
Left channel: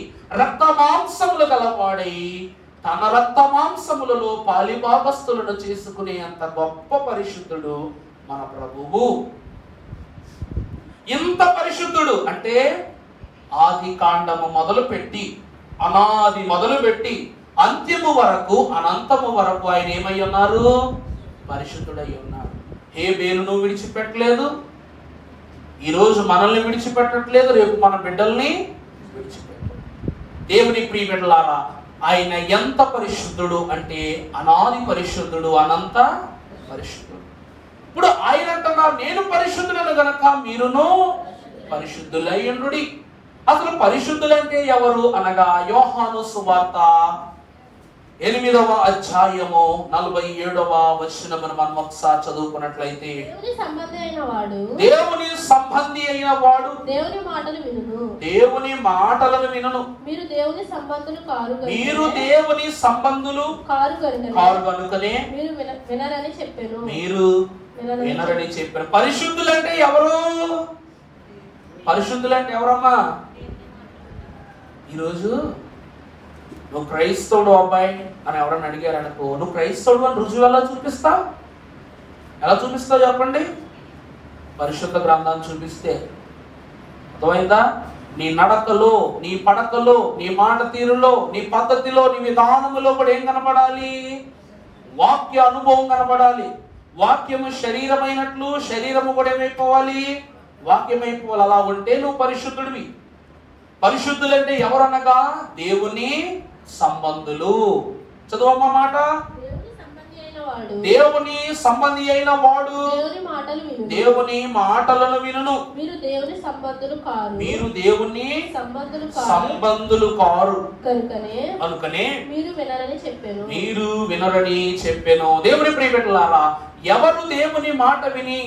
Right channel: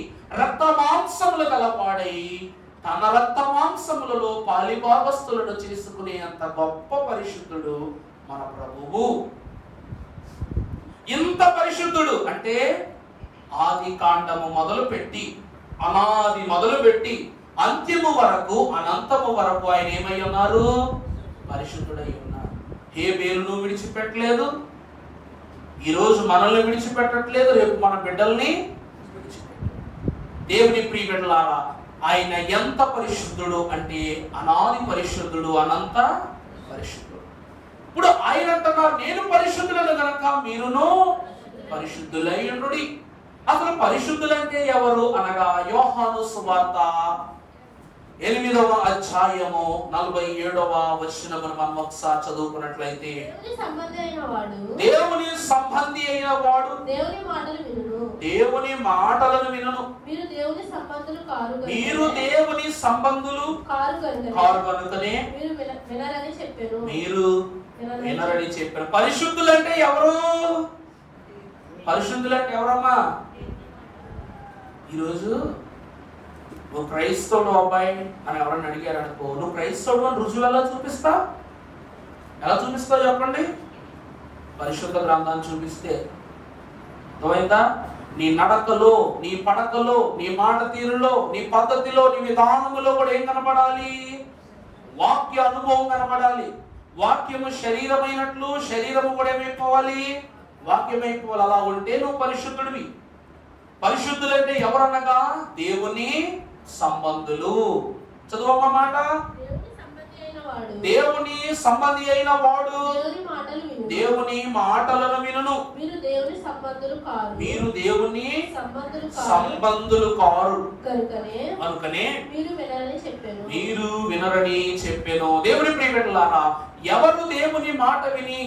రక్త మాంసములు గలవాడై తన రక్త మాంసములలో పాలిభాగస్తులను చేసుకునే అంత గొప్ప పరిశుద్ధుడు మన ప్రభువు. ఇంత పరిశుద్ధుడు అంటే ఆది కాండము మొదలుపెట్టి, అనాది మొదలుపెట్టి అంత్యము వరకు, అనంతము వరకు ఆయన ఏమై ఉన్నారు? పరిశుద్ధుడై ఉన్నారు. హేబేలును విడిచిపెట్టలేదు, ఈరోజు మనల్ని విడిచిపెట్టట్లేదు, రేపు మన బిడ్డల్ని విడిచిపెట్టలేదు. దేవుని ప్రియ బిడ్డలారా, ఆయన ఎంత పరిశుద్ధుడు అంటే అనాది పరిశుద్ధుడు, అనంత పరిశుద్ధుడు. ఇప్పుడు ఆయన అంటున్నారు, నేను పరిశుద్ధులను గనక మీరును పరిశుద్ధులై ఉండుడి. అసలు పరిశుద్ధులంటే ఎవరు అనగా, యోహాను సువార్త 8వ అధ్యాయము 47వ వచనమును మనం ఒకసారి చదువుకున్నట్లయితే, దేవుని సంబంధి అయిన వాడు దేవుని మాటలను వినును. మీరు దేవుని సంబంధులు కారు కనుకనే మీరు వినరని చెప్పారు. పరిశుద్ధులంటే ఎవరు? పరిశుద్ధులంటే ఎవరమ్మా? ఈరోజు నువ్వు క్రైస్తవుడు అబ్బాయి అని ఎవరన్నా అడిగారు అనుకో, నువ్వు క్రైస్తవుడు అని రుజువు ఎలా చూపిస్తావు? చెప్పండి. పరిశుద్ధ గ్రంథాన్ని చూపిస్తే. అర్థమైందా? నీ నడకలో, నీ పడకలో, నీ మాట తీరులో, నీ పద్ధతిలో, నీ విధానములో కూడా ఏం కనబడాలి? వాక్య అనుభవం కనబడాలి. వాక్యము శరీరమైనట్లు శరీరము కూడా ఏమైపోవాలి? వాక్యమైపోవాలి. అలా ఉంటే నువ్వు పరిశుద్ధుడివి. పరిశుద్ధులంటే ఎవరనగా దేవుని సంబంధులు. చదువమ్మ మాట. దేవుని సంబంధి అయిన వాడు దేవుని మాటలను వినును. మీరు దేవుని సంబంధులు కారు. మీరు దేవుని సంబంధులు కారు కనుకనే మీరు వినరని చెప్పాను. మీరు వినరని చెప్పాను. దేవుని ప్రియబిడ్డలారా, ఎవరు దేవుని మాట విని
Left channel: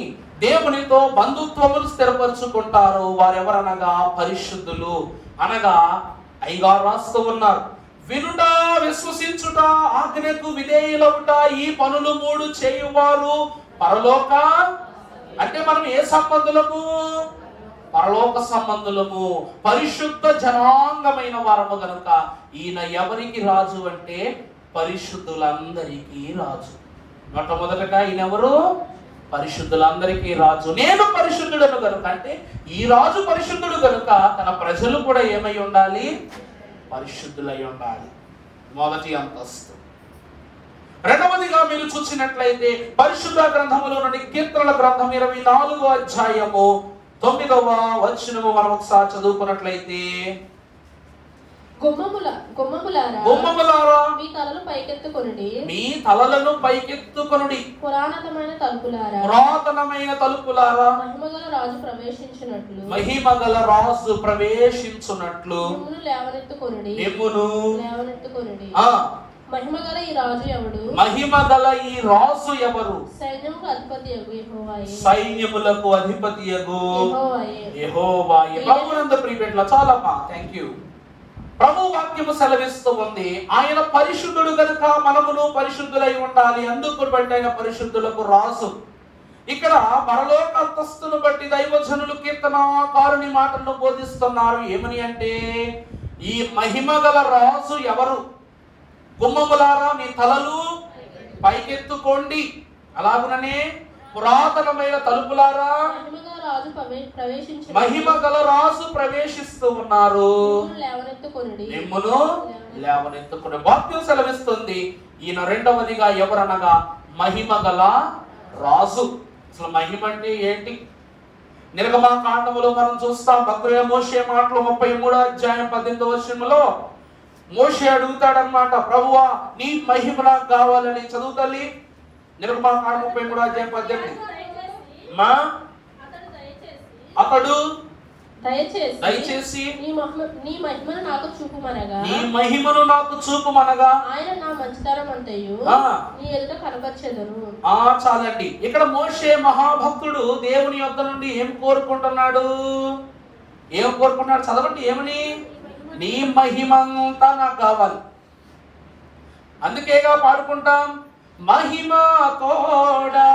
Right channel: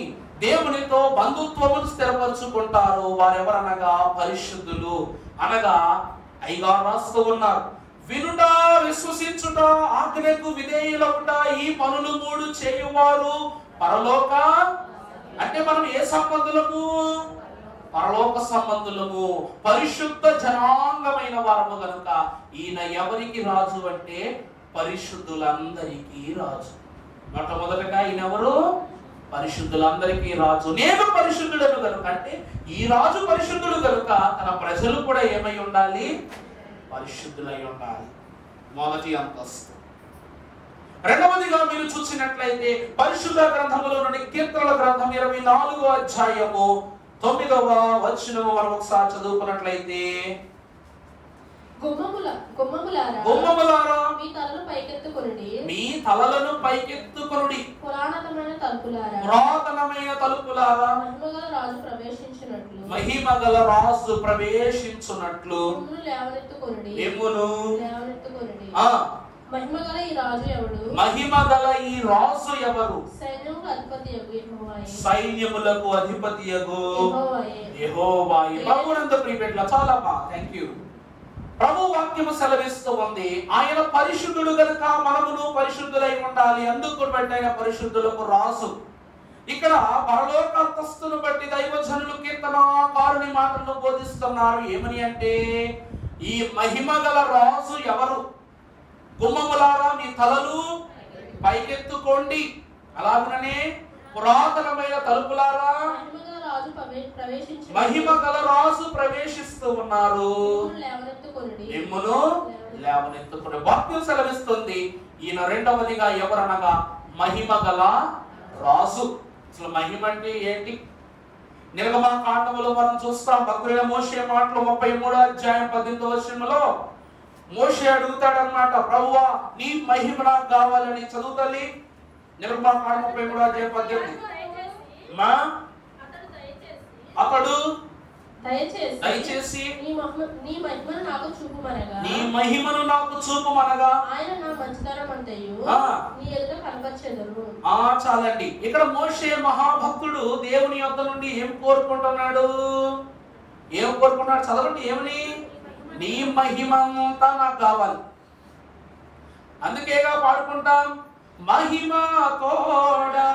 దేవునితో బంధుత్వములు స్థిరపరుచుకుంటారో వారెవరనగా పరిశుద్ధులు. అనగా అయ్యగారు రాస్తూ ఉన్నారు, వినుట, విశ్వసించుట, ఆజ్ఞకు విధేయులవుట, ఈ పనులు 3 చేయువారు పరలోక. అంటే మనం ఏ సంబంధులము? పరలోక సంబంధులము, పరిశుద్ధ జనాంగమైన వారము గనుక ఈయన ఎవరికి రాజు అంటే పరిశుద్ధులందరికీ రాజు. మొట్టమొదటగా ఈయన ఎవరు? పరిశుద్ధులందరికీ రాజు. నేను పరిశుద్ధుడను గనుక, అంటే ఈ రాజు పరిశుద్ధుడు గనుక తన ప్రజలు కూడా ఏమై ఉండాలి? పరిశుద్ధులై ఉండాలి. మొదటి అంతస్తు. రెండవదిగా మీరు చూసినట్లయితే పరిశుద్ధ గ్రంథములో నుండి కీర్తనల గ్రంథం 24వ అధ్యాయము 9వ వచనము మనం ఒకసారి చదువుకున్నట్లయితే, గుమ్మములారా మీ తలలు పైకెత్తుకొనుడి, మీ తలలను పైకెత్తుకొనుడి, పురాతనమైన తలుపులారా మహిమగల రాజు ప్రవేశించినట్లు, మహిమగల రాజు ప్రవేశించున్నట్లు లేవనెత్తుకొనుడి. మహిమగల ఈ రాజు ఎవడు? మహిమగల ఈ రాజు ఎవరు? సైన్యములకు అధిపతియగు యెహోవాయే. సైన్యములకు అధిపతియగు యెహోవాయే. ప్రభునందు ప్రియబిడ్డలారా, చాలమ్మా, థాంక్యూ. ప్రభు వాక్యము సెలవిస్తూ ఉంది, ఆయన పరిశుద్ధుడు కనుక మనమును పరిశుద్ధులై ఉండాలి. అందుకు బట్టి ఆయన పరిశుద్ధులకు రాజు. ఇక్కడ పరలోక అంతస్తును బట్టి దైవజనులు కీర్తనకారుని మాటలను బోధిస్తున్నారు. ఏమని అంటే, ఈ మహిమగల రాజు ఎవరు? గుమ్మములారా మీ తలలు పైకెత్తుకోండి, అలాగుననే పురాతనమైన తలుపులారా మహిమగల రాజు ప్రవేశిస్తూ ఉన్నారు, మిమ్మును లేవనెత్తుకుని. వాక్యం సెలవిస్తుంది ఈయన రెండవదిగా ఎవరనగా మహిమగల రాజు. అసలు మహిమ అంటే ఏంటి? నిర్గమకాండములో మనం చూస్తాం. భక్తుడైన మోషే మాటలు 33వ అధ్యాయం 18వ వచనములో మోషే అడుగుతాడన్నమాట, ప్రభువా నీ మహిమ నాకు కావాలని. చదువు తల్లి, నిర్గమకాండం 33వ అధ్యాయం 18. అతడు దయచేసి నీ మహిమను నాకు చూపుమనగా, నీ మహిమను నాకు చూపుమనగా ఆయన నా మంచితనం అంతయు నీ ఎదుట కనపరచెదను. చాలండి. ఇక్కడ మోషే మహాభక్తుడు దేవుని యొద్ద నుండి ఏం కోరుకుంటున్నాడు? ఏం కోరుకుంటున్నాడు? చదవండి. ఏమని? నీ మహిమంతా నాకు కావాలి. అందుకేగా పాడుకుంటాం, మహిమ తోడా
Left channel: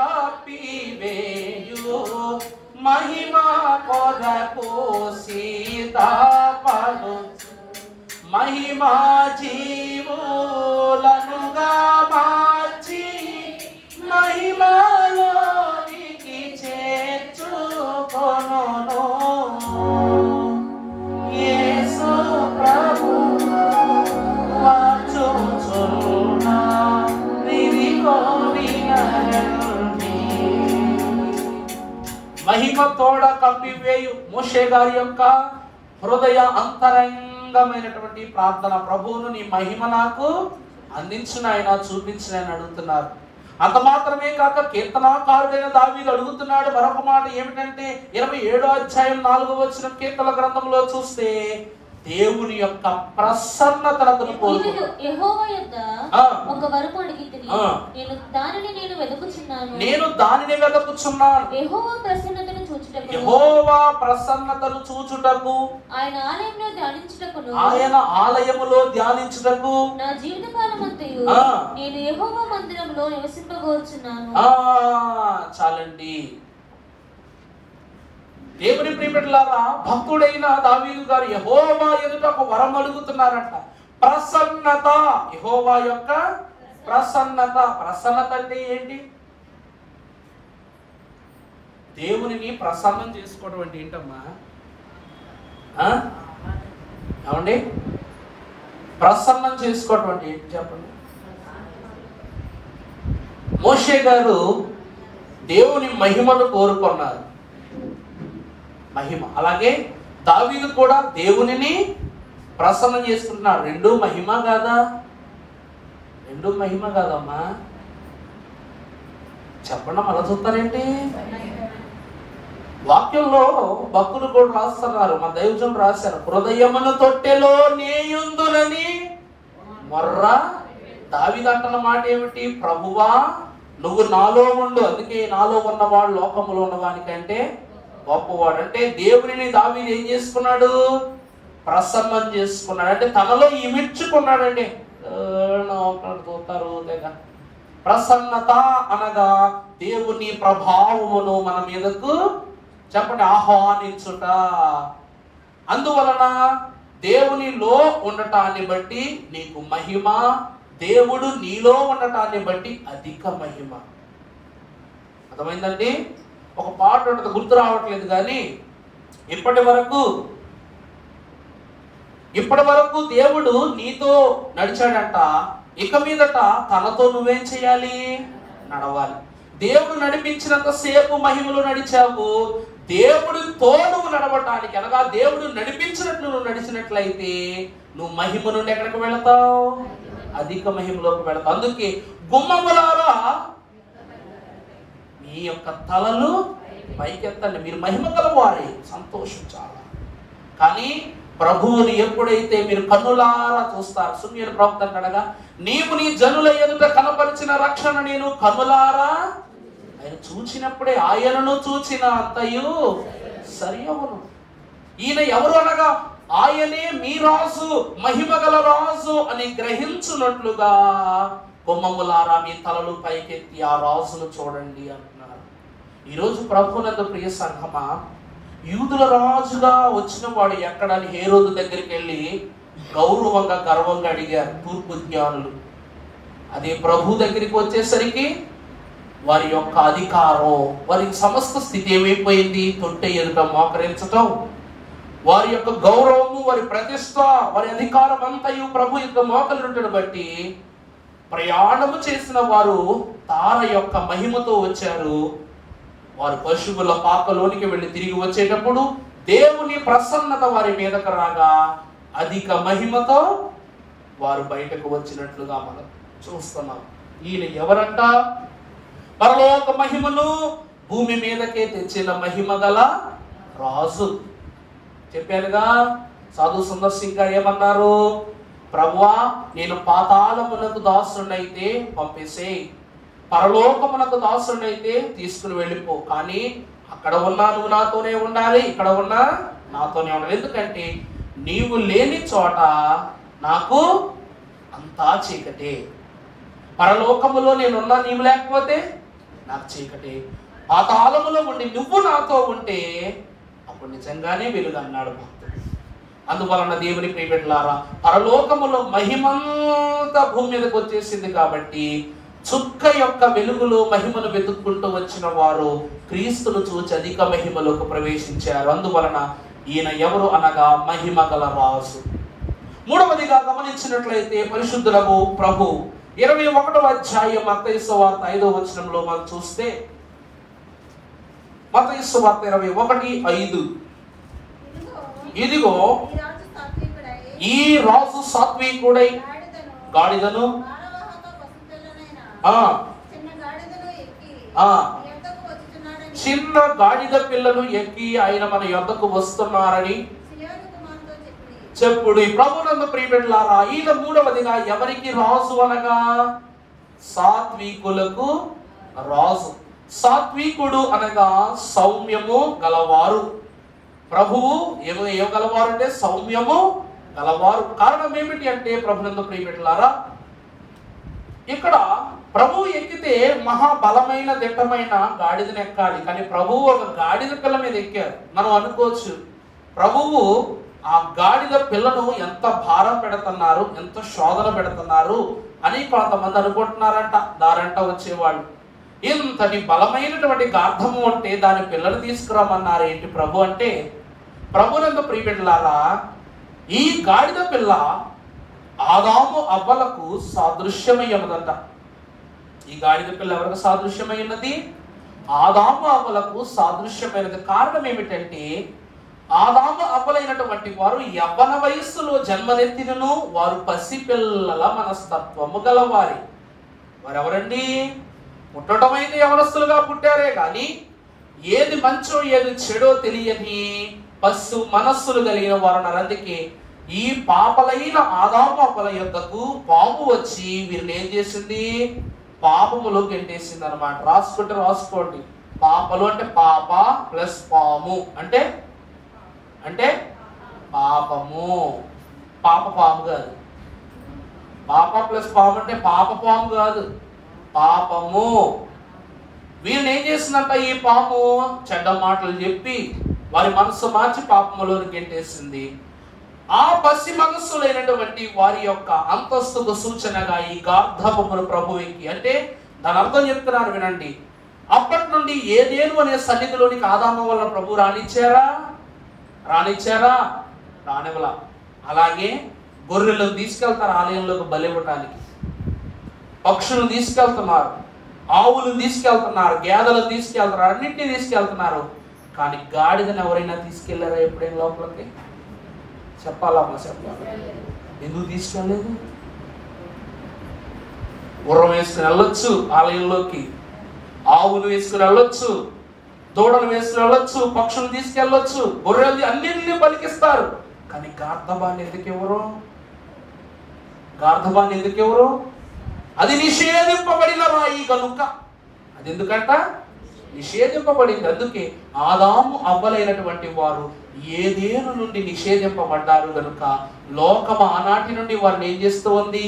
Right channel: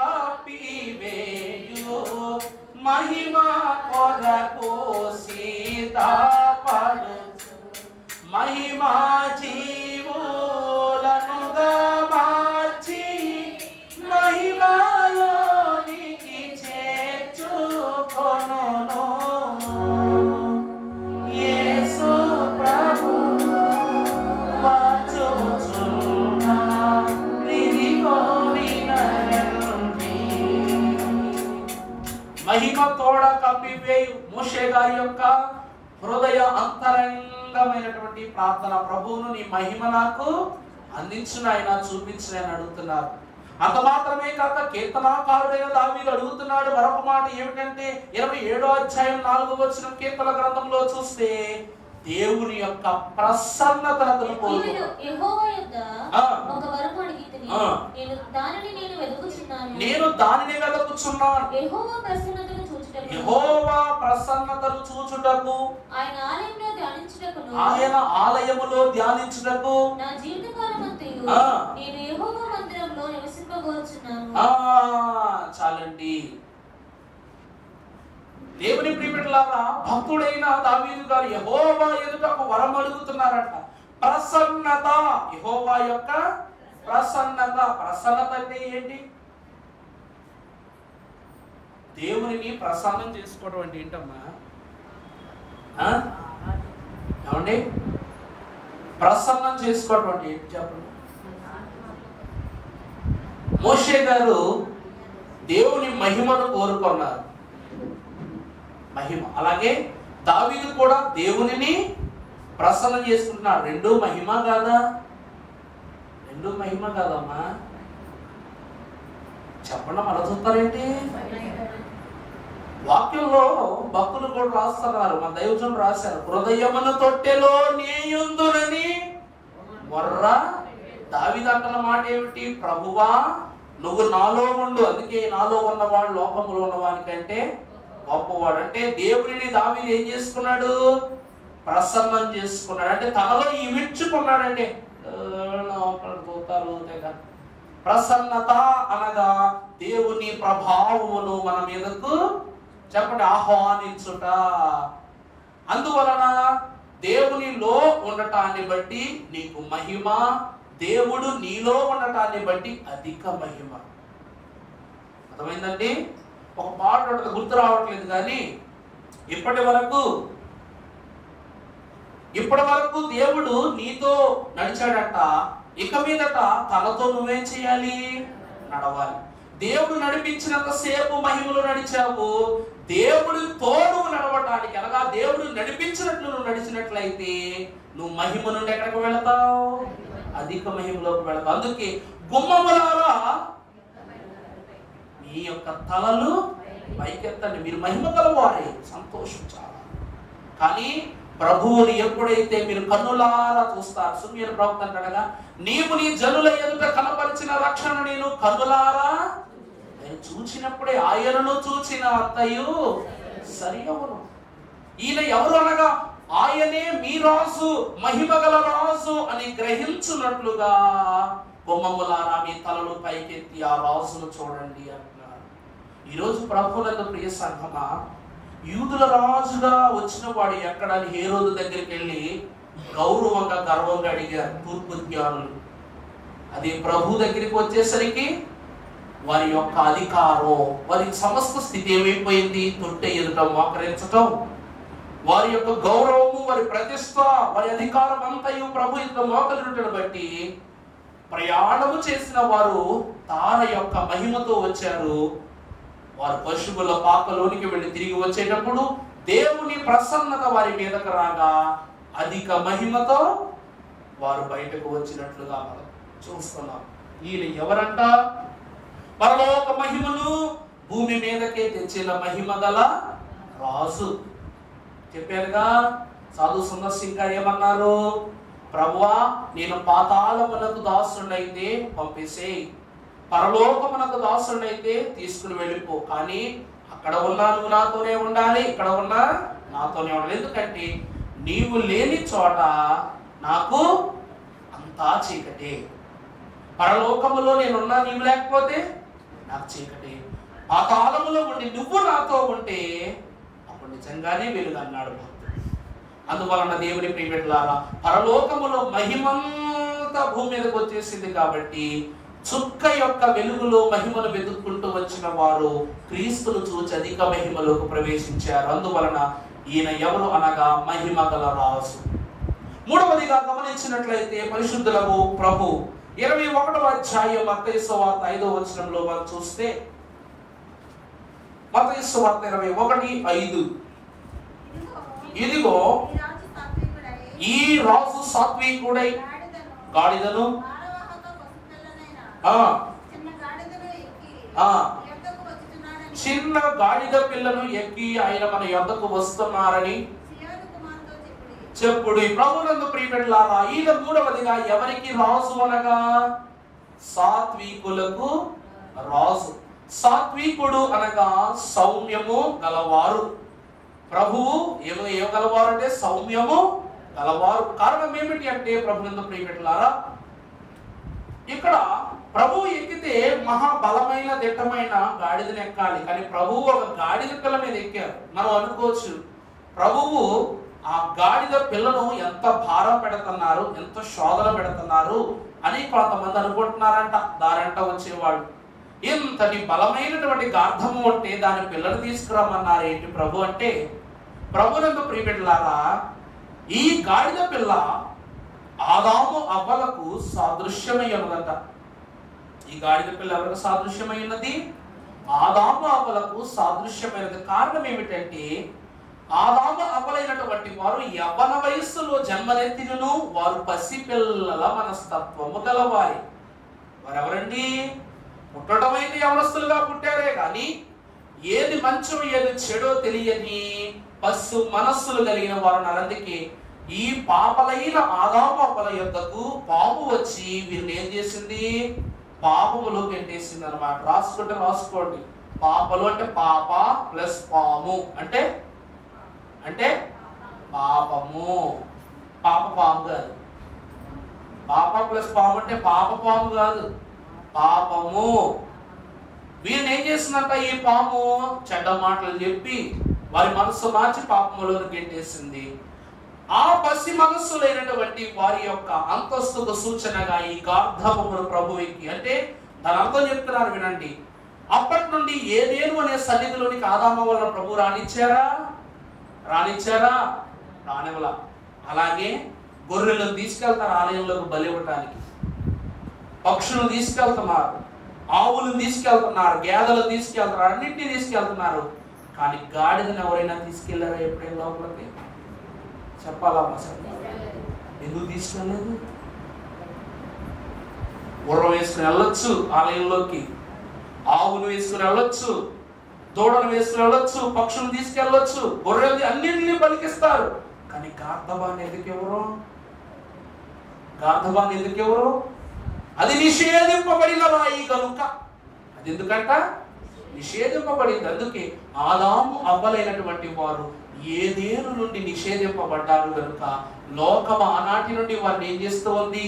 కపివేయు మహిమ కొరకు సీతాపడు మహిమ జీవులనుగా మార్చి మహిమలోనికి చేర్చుకొనును. యేసు ప్రభు వాచుచున్నా మహిమ తోడ కప్పివేయు. మోషే గారి యొక్క హృదయ అంతరంగమైనటువంటి ప్రార్థన, ప్రభువును నీ మహిమ నాకు అందించిన ఆయన, చూపించిన ఆయన అడుగుతున్నారు. అంత మాత్రమే కాక కీర్తనాకారుడైన దావీదు అడుగుతున్నాడు మరొక మాట. ఏమిటంటే 27వ అధ్యాయం 4వ వచనం కీర్తన గ్రంథంలో చూస్తే దేవుని యొక్క ప్రసన్నతను కోరుతున్నాడు. యెహోవా యొద్ద ఒక వరము అడిగితిని, నేను దానిని వెదకుచున్నాను. యెహోవా ప్రసన్నతను చూచుటకు ఆయన ఆలయములో ధ్యానించుటకు నా జీవితకాలమంతయు నేను యెహోవా మందిరంలో నివసింపగోరుచున్నాను. చాలండి. దేవుని ప్రియబిడ్డలారా, భక్తుడైన దావీదు గారు యెహోవా ఎదుట ఒక వరం అడుగుతున్నారంట. ప్రసన్నత. యెహోవా యొక్క ప్రసన్నత. ప్రసన్నత అంటే ఏంటి? దేవునిని ప్రసన్నం చేసుకోవడం అంటే ఏంటమ్మా? ఏమండి? ప్రసన్నం చేసుకోవటం అంటే ఏంటి చెప్పండి? మోషే గారు దేవుని మహిమను కోరుకున్నారు, మహిమ. అలాగే దావీదు కూడా దేవునిని ప్రసన్నం చేసుకుంటున్నాడు. రెండూ మహిమ కాదా? రెండూ మహిమ కాదమ్మా? చెప్పండి, అలా చూస్తారేంటి? వాక్యంలో భక్తులు కూడా రాస్తున్నారు, మన దైవజనులు రాశారు, హృదయమున తొట్టెలో నేయుందునని మొర్ర. దావీదు అంటున్న మాట ఏమిటి? ప్రభువా నువ్వు నాలో ఉండు, అందుకే నాలో ఉన్నవాడు లోకములో ఉన్నవానికంటే గొప్పవాడు. అంటే దేవుని దావీదు ఏం చేసుకున్నాడు? ప్రసన్నం చేసుకున్నాడు. అంటే తనలో ఇమిడ్చుకున్నాడండి. చూస్తారు ప్రసన్నత అనగా దేవుని ప్రభావమును మన మీదకు చెప్పండి ఆహ్వానించుట. అందువలన దేవునిలో ఉండటాన్ని బట్టి నీకు మహిమ, దేవుడు నీలో ఉండటాన్ని బట్టి అధిక మహిమ. అర్థమైందండి? ఒక పాట ఉంటుంది, గుర్తు రావట్లేదు కానీ, ఇప్పటి వరకు దేవుడు నీతో నడిచాడంట, ఇక మీదట తనతో నువ్వేం చేయాలి? నడవాలి. దేవుడు నడిపించినంత సేపు మహిమలు నడిచావు, దేవుడితో నువ్వు నడవటానికి అనగా దేవుడు నడిపించినట్లు నువ్వు నడిచినట్లయితే నువ్వు మహిమ నుండి ఎక్కడికి వెళతావు? అధిక మహిమలోకి వెళతావు. అందుకే గుమ్మములారా మీ యొక్క తలలు పైకెత్తండి, మీరు మహిమ గలవారే, సంతోషించాలి. కానీ ప్రభువుని ఎప్పుడైతే మీరు కన్నులారా చూస్తారు, సున్యన ప్రవక్త అంటాడుగా, నీవు నీ జనుల ఎదుట కనపరిచిన రక్షణ నేను కన్నులారా ఆయన చూచినప్పుడే ఆయనను చూచిన అంతయు సరి అవును. ఈయన ఎవరు అనగా ఆయనే మీ రాజు, మహిమ గల రాజు అని గ్రహించున్నట్లుగా బొమ్మములారా మీ తలలు పైకెత్తి ఆ రాజును చూడండి అంటున్నారు. ఈరోజు ప్రభువునందు ప్రియ సంఘమా, యూదుల రాజుగా వచ్చిన వాడు ఎక్కడని హేరోదు దగ్గరికి వెళ్ళి గౌరవంగా గర్వంగా అడిగారు తూర్పు జ్ఞానులు. అదే ప్రభు దగ్గరికి వచ్చేసరికి వారి యొక్క అధికారం, వారి సమస్త స్థితి ఏమైపోయింది? తొట్టె ఎదుట మోకరించటం. వారి యొక్క గౌరవము, వారి ప్రతిష్ట, వారి అధికారం అంతయు ప్రభు యొక్క మోకరించడం బట్టి ప్రయాణము చేసిన వారు తార యొక్క మహిమతో వచ్చారు. వారు పశువుల పాకలోనికి వెళ్ళి తిరిగి వచ్చేటప్పుడు దేవుని ప్రసన్నత వారి మీదకు రాగా అధిక మహిమతో వారు బయటకు వచ్చినట్లుగా మనం చూస్తున్నాం. ఈయన ఎవరంట? పరలోక మహిమను భూమి మీదకే తెచ్చిన మహిమ గల రాజు. చెప్పానుగా, సాధు సుందర్ సింగ్ గారు ఏమన్నారు? ప్రభువా నేను పాతాళమునకు దాసుడైతే పంపేసేయ్, పరలోకమునకు దాసుడైతే తీసుకుని వెళ్ళిపో, కానీ అక్కడ ఉన్నా నువ్వు నాతోనే ఉండాలి, ఇక్కడ ఉన్నా నాతోనే ఉండాలి. ఎందుకంటే నీవు లేని చోట నాకు అంతా చీకటే. పరలోకములో నేనున్నా నీవు లేకపోతే నాకు చీకటే. పాతాళములో ఉండి నువ్వు నాతో ఉంటే అప్పుడు నిజంగానే వెలుగు అన్నాడు భక్తుడు. అందువలన దేవుని ప్రియబిడ్డలారా, పరలోకములో మహిమంతా భూమి మీదకి వచ్చేసింది కాబట్టి చుక్క యొక్క వెలుగులో మహిమను వెతుక్కుంటూ వచ్చిన వారు క్రీస్తును చూచి అధిక మహిమలోకి ప్రవేశించారు. అందువలన ఈయన ఎవరు అనగా మహిమ గల రాజు. మూడవదిగా గమనించినట్లయితే పరిశుద్ధులకు ప్రభు 21వ అధ్యాయం మత్తయి సువార్త 5వ వచనంలో మనం చూస్తే, మత్తయి సువార్త 21:5, ఇదిగో ఈ రాజు సాత్వికుడై గాడిదను చిన్న గాడిద పిల్లను ఎక్కి ఆయన మన యొద్దకు వస్తున్నారని చెప్పుడు. ప్రభువునందు ప్రియబిడ్డలారా, ఈయన మూడవదిగా ఎవరికి రాజు అనగా సాత్వికులకు రాజు. సాత్వికుడు అనగా సౌమ్యము గలవారు. ప్రభువు ఏం గలవారు అంటే సౌమ్యము గలవారు. కారణం ఏమిటి అంటే ప్రభువునందు ప్రియబిడ్డలారా, ఇక్కడ ప్రభువు ఎక్కితే మహాబలమైన దిట్టమైన గాడిదను ఎక్కాలి, కానీ ప్రభువు ఒక గాడిద పిల్ల మీద ఎక్కారు. మనం అనుకోవచ్చు ప్రభువు ఆ గాడిద పిల్లను ఎంత భారం పెడుతున్నారు, ఎంత శోధన పెడుతున్నారు అని కొంతమంది అనుకుంటున్నారంట. దారంట వచ్చేవాళ్ళు ఇంతటి బలమైనటువంటి గార్ధము అంటే దాని పిల్లలు తీసుకురామన్నారు ఏంటి ప్రభు అంటే, ప్రభునందు ప్రియబిడ్డలారా, ఈ గాడిద పిల్ల ఆదాము అవ్వలకు సాదృశ్యమై ఉన్నదంట. ఈ గాడిద పిల్ల ఎవరికి సాదృశ్యమైనది? ఆదాము అవ్వలకు సాదృశ్యమైనది. కారణం ఏమిటంటే, ఆదాము అవ్వలైనటువంటి వారు యవ్వన వయస్సులో జన్మనెత్తినను వారు పసిపిల్లల మనస్తత్వము గలవారి. వారెవరండి? పుట్టడం అయితే యవనస్తులుగా పుట్టారే గాని ఏది మంచో ఏది చెడో తెలియని పశు మనస్సులు కలిగిన వారు. అందుకే ఈ పాపలైన ఆదాము అవ్వల యొద్దకు పాము వచ్చి వీరిని ఏం చేసింది? పాపములో గెంటేసింది అనమాట. రాసుకుంటే రాసుకోండి. పాపలు అంటే పాప ప్లస్ పాము అంటే అంటే పాపము. పాప పాము కాదు. పాప ప్లస్ పాము అంటే పాప పాము కాదు, పాపము. వీరిని ఏం చేసిందంట? ఈ పాము చెడ్డ మాటలు చెప్పి వారి మనస్సు మార్చి పాపములో గెంటేసింది. ఆ పసి మనస్సులైనటువంటి వారి యొక్క అంతస్తుకు సూచనగా ఈ గార్ధబొమ్మను ప్రభువుకి, అంటే దాని అర్థం చెప్తున్నారు వినండి. అప్పటి నుండి ఏదేను అనే సన్నిధిలోనికి ఆదాము వల్ల ప్రభు రానిచ్చారా? రానివ్వలా. అలాగే గొర్రెలను తీసుకెళ్తారు ఆలయంలోకి బలి ఇవ్వడానికి, పక్షులను తీసుకెళ్తున్నారు, ఆవులను తీసుకెళ్తున్నారు, గేదెలను తీసుకెళ్తున్నారు, అన్నింటినీ తీసుకెళ్తున్నారు. కానీ గాడిదని ఎవరైనా తీసుకెళ్లారా ఎప్పుడైనా లోపలికి? చెప్పాలమ్మా, చెప్పాలి. ఎందుకు తీసుకెళ్ళలేదు? గుర్రం వేసుకుని వెళ్ళొచ్చు ఆలయంలోకి, ఆవులు వేసుకుని వెళ్ళొచ్చు, దూడలు వేసుకుని వెళ్ళొచ్చు, పక్షులు తీసుకెళ్ళొచ్చు, గొర్రెలు అన్నింటినీ పలికిస్తారు. కానీ గార్ధబాన్ని ఎందుకు ఎవరు? అది నిషేధింపబడిన రాయి కనుక. అది ఎందుకంట? నిషేధింపబడింది. అందుకే ఆదాము అవ్వలైనటువంటి వారు ఏదేను నుండి నిషేధింపబడ్డారు కనుక లోకం ఆనాటి నుండి వారిని ఏం చేస్తూ ఉంది?